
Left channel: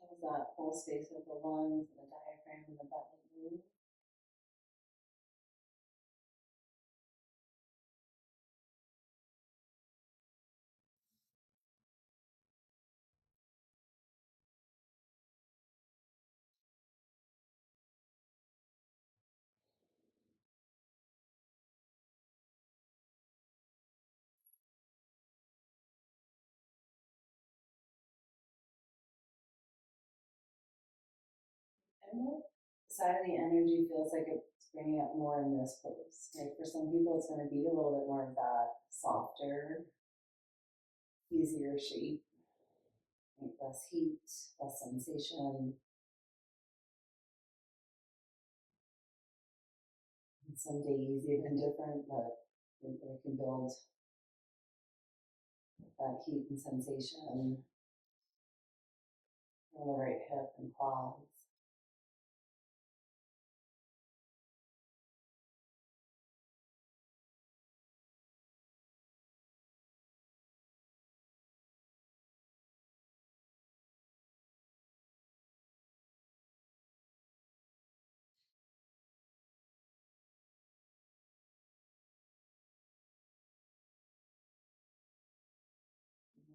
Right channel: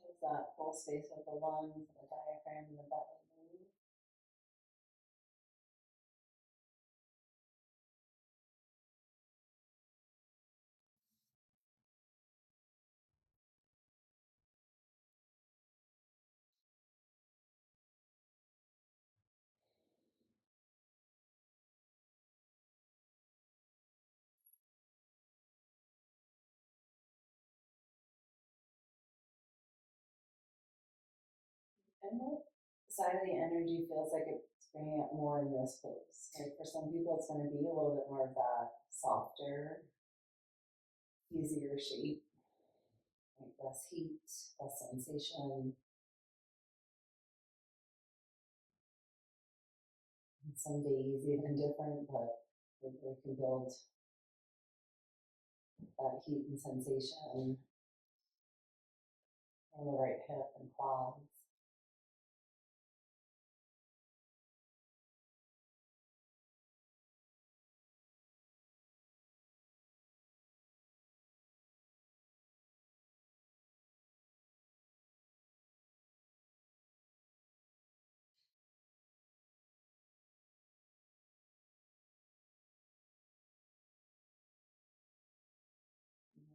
How's that full space of the lungs and the diaphragm and the belly move? And what side of the energy feels like it's bringing up more in this pose? Like for some people, it's going to be a little bit more of that softer, easier shape, like less heat, less sensation. And some days even different, but they can build that heat and sensation on the right hip and quads.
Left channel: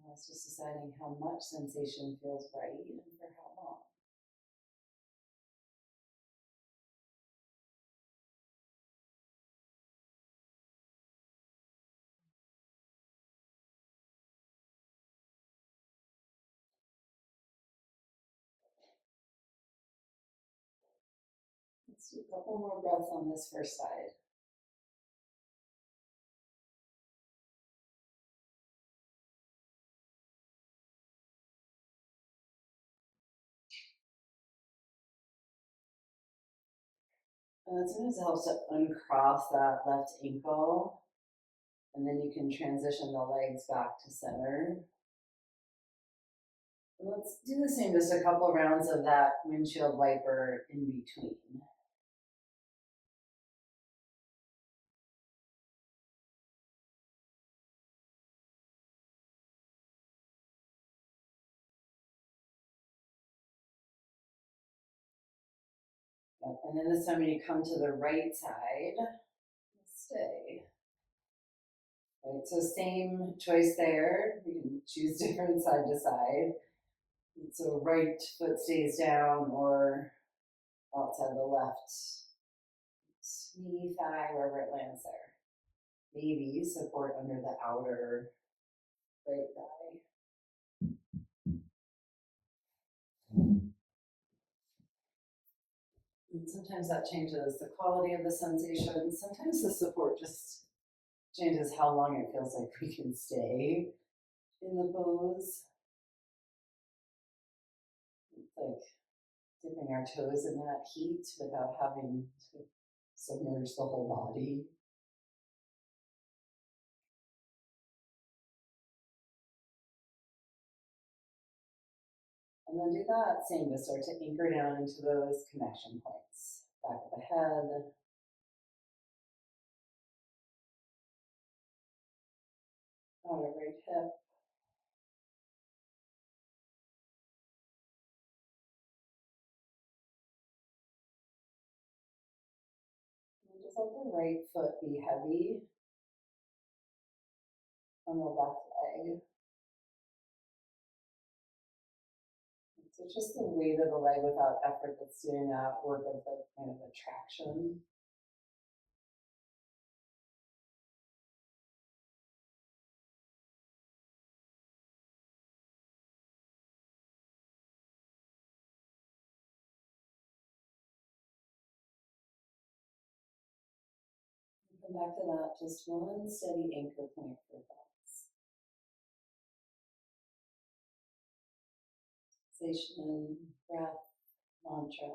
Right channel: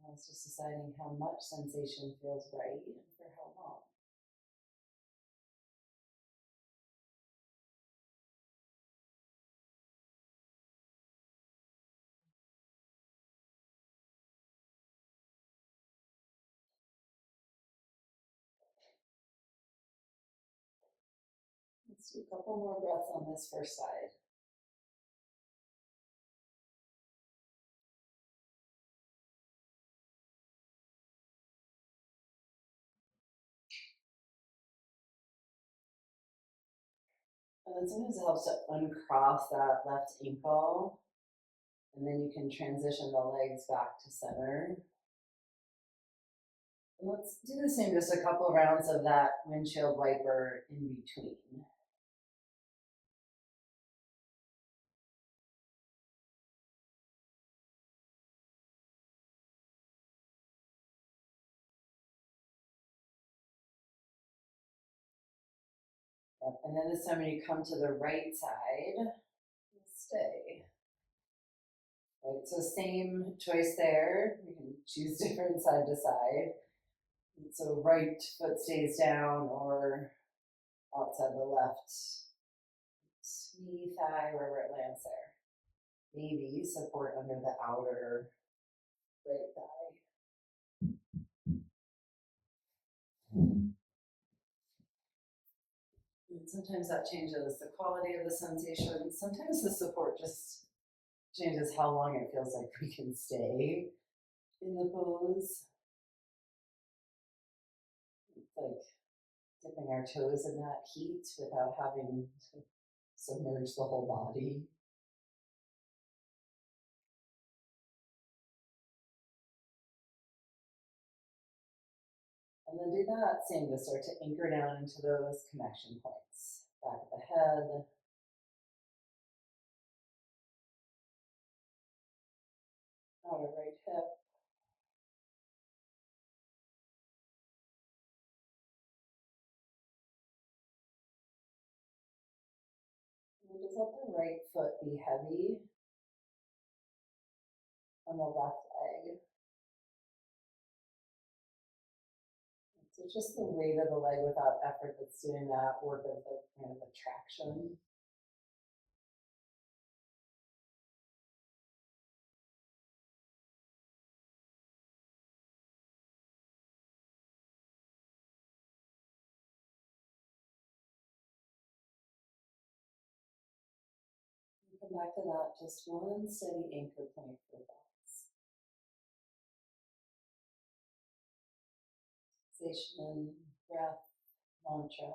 Now it's just deciding how much sensation feels right and for how long. Let's do a couple more breaths on this first side. And then sometimes it helps to uncross that left ankle, and then you can transition the legs back to center. And let's do the same, just a couple rounds of that windshield wiper in between. Yep. And then this time when you come to the right side, stay. Right, so same choice there. You can choose different side to side. So right foot stays down or outside the left knee, thigh, wherever it lands there. Maybe support under the outer right thigh. And sometimes that changes the quality of the sensation. Sometimes the support just changes how long it feels like we can stay in the pose. It's like dipping our toes in that heat without having to submerge the whole body. And then do that same, just start to anchor down into those connection points. Back of the head, outer right hip, and just let the right foot be heavy on the left leg. So just the weight of the leg without effort that's doing that work of the kind of attraction. Come back to that, just one steady anchor point for thoughts. Sensation, breath, mantra.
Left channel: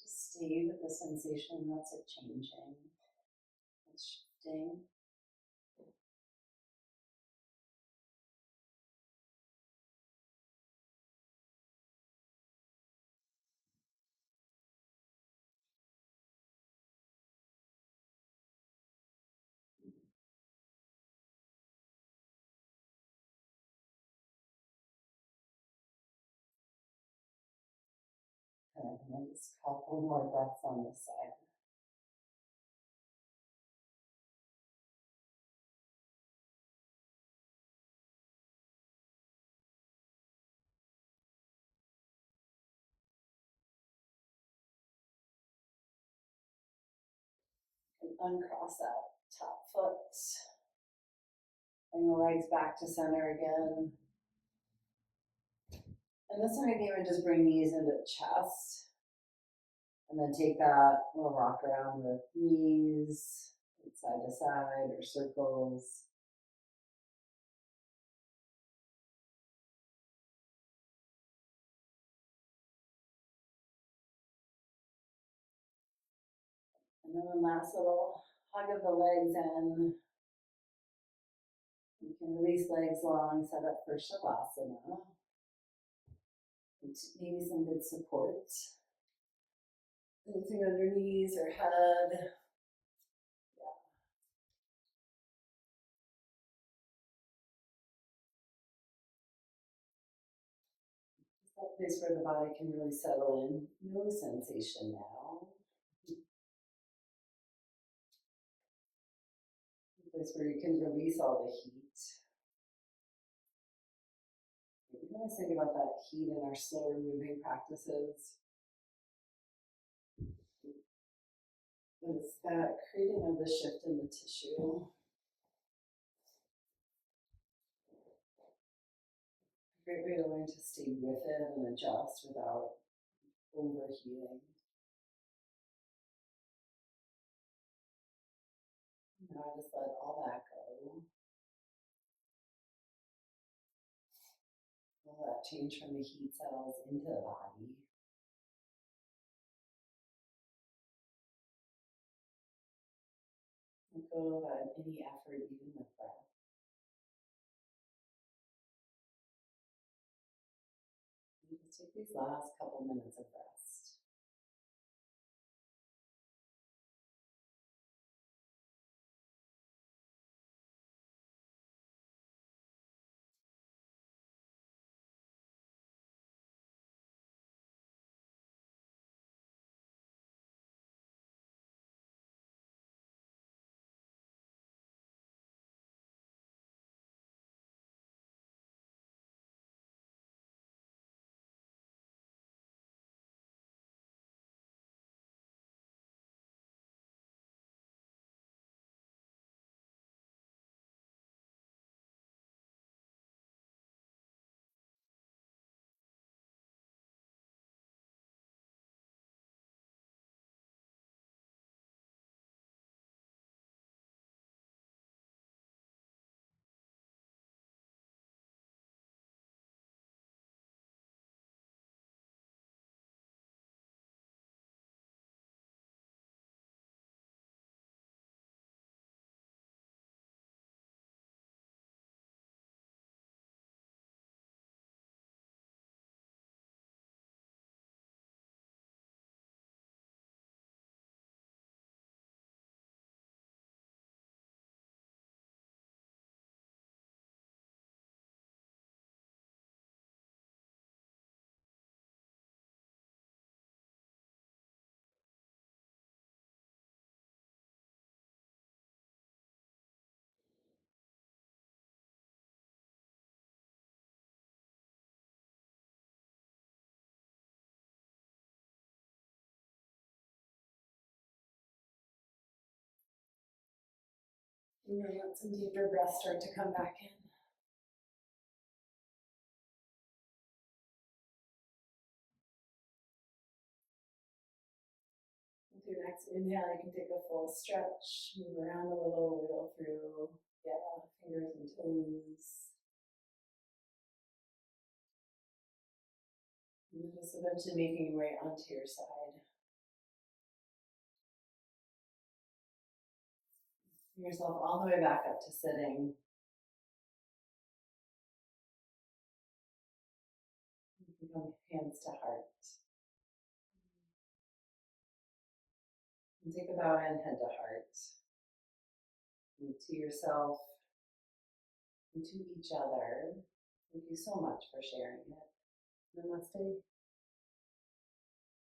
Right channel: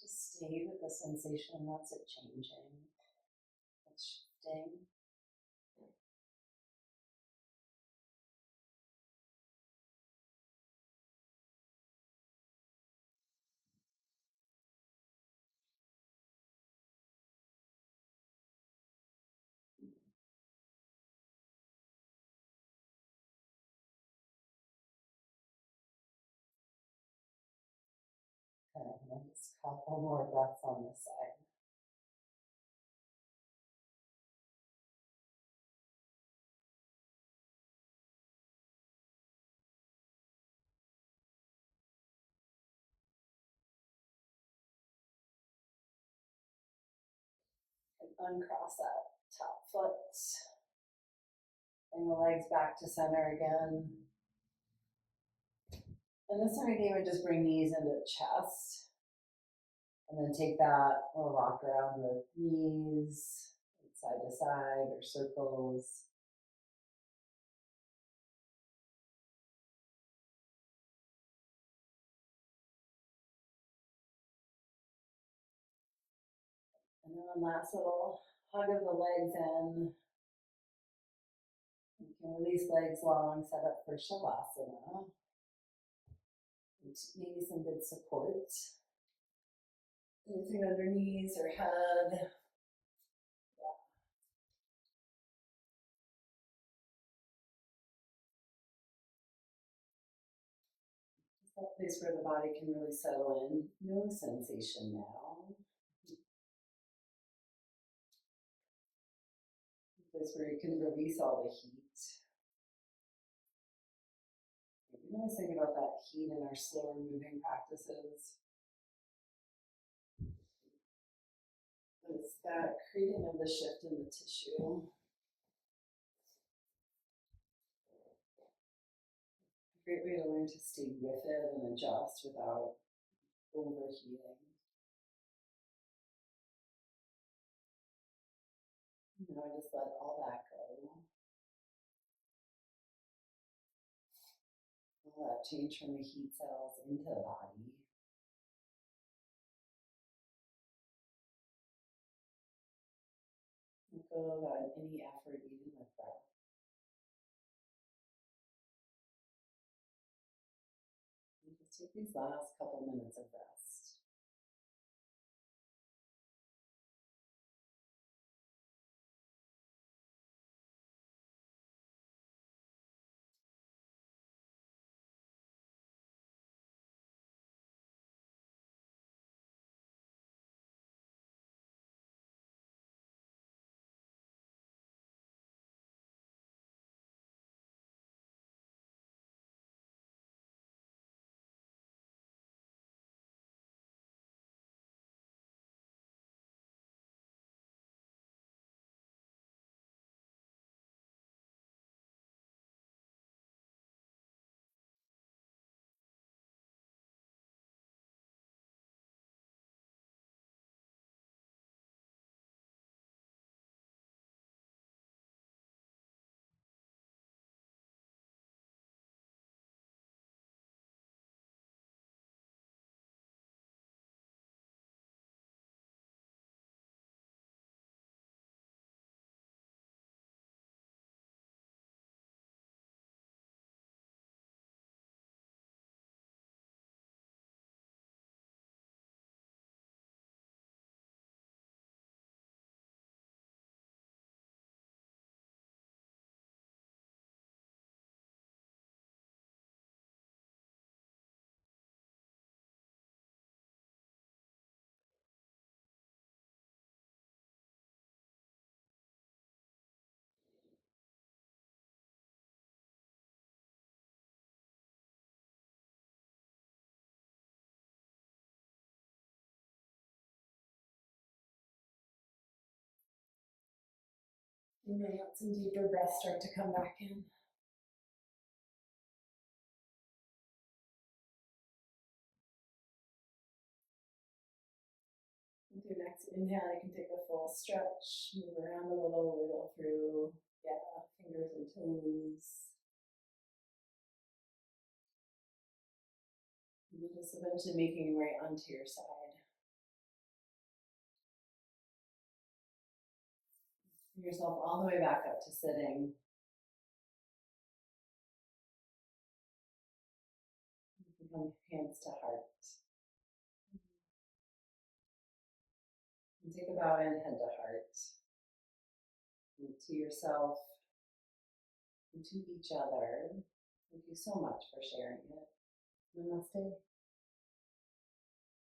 Just stay with the sensation, that's it changing, it's shifting. Okay, and then just a couple more breaths on this side. And uncross that top foot. Bring the legs back to center again. And this time again, we just bring knees into the chest. And then take that, we'll rock around the knees, side to side or circles. And then one last little hug of the legs in. You can release legs long, set up for Shavasana. And maybe some good support. Anything under knees or head. That place where the body can really settle in. No sensation now. A place where you can release all the heat. We always think about that heat in our slower moving practices. It's that creating of the shift in the tissue. A great way to learn to stay with it and adjust without overheating. Now I just let all that go. All that change from the heat settles into the body. Let go of any effort, even with breath. And just take these last couple minutes of rest. And then let some deeper breaths start to come back in. With your next inhale, you can take a full stretch, move around a little, wiggle through, fingers and toes. And then just eventually making your way onto your side. Bring yourself all the way back up to sitting. You can come hands to heart. And take a bow in, head to heart. And to yourself, and to each other. Thank you so much for sharing it. Namaste.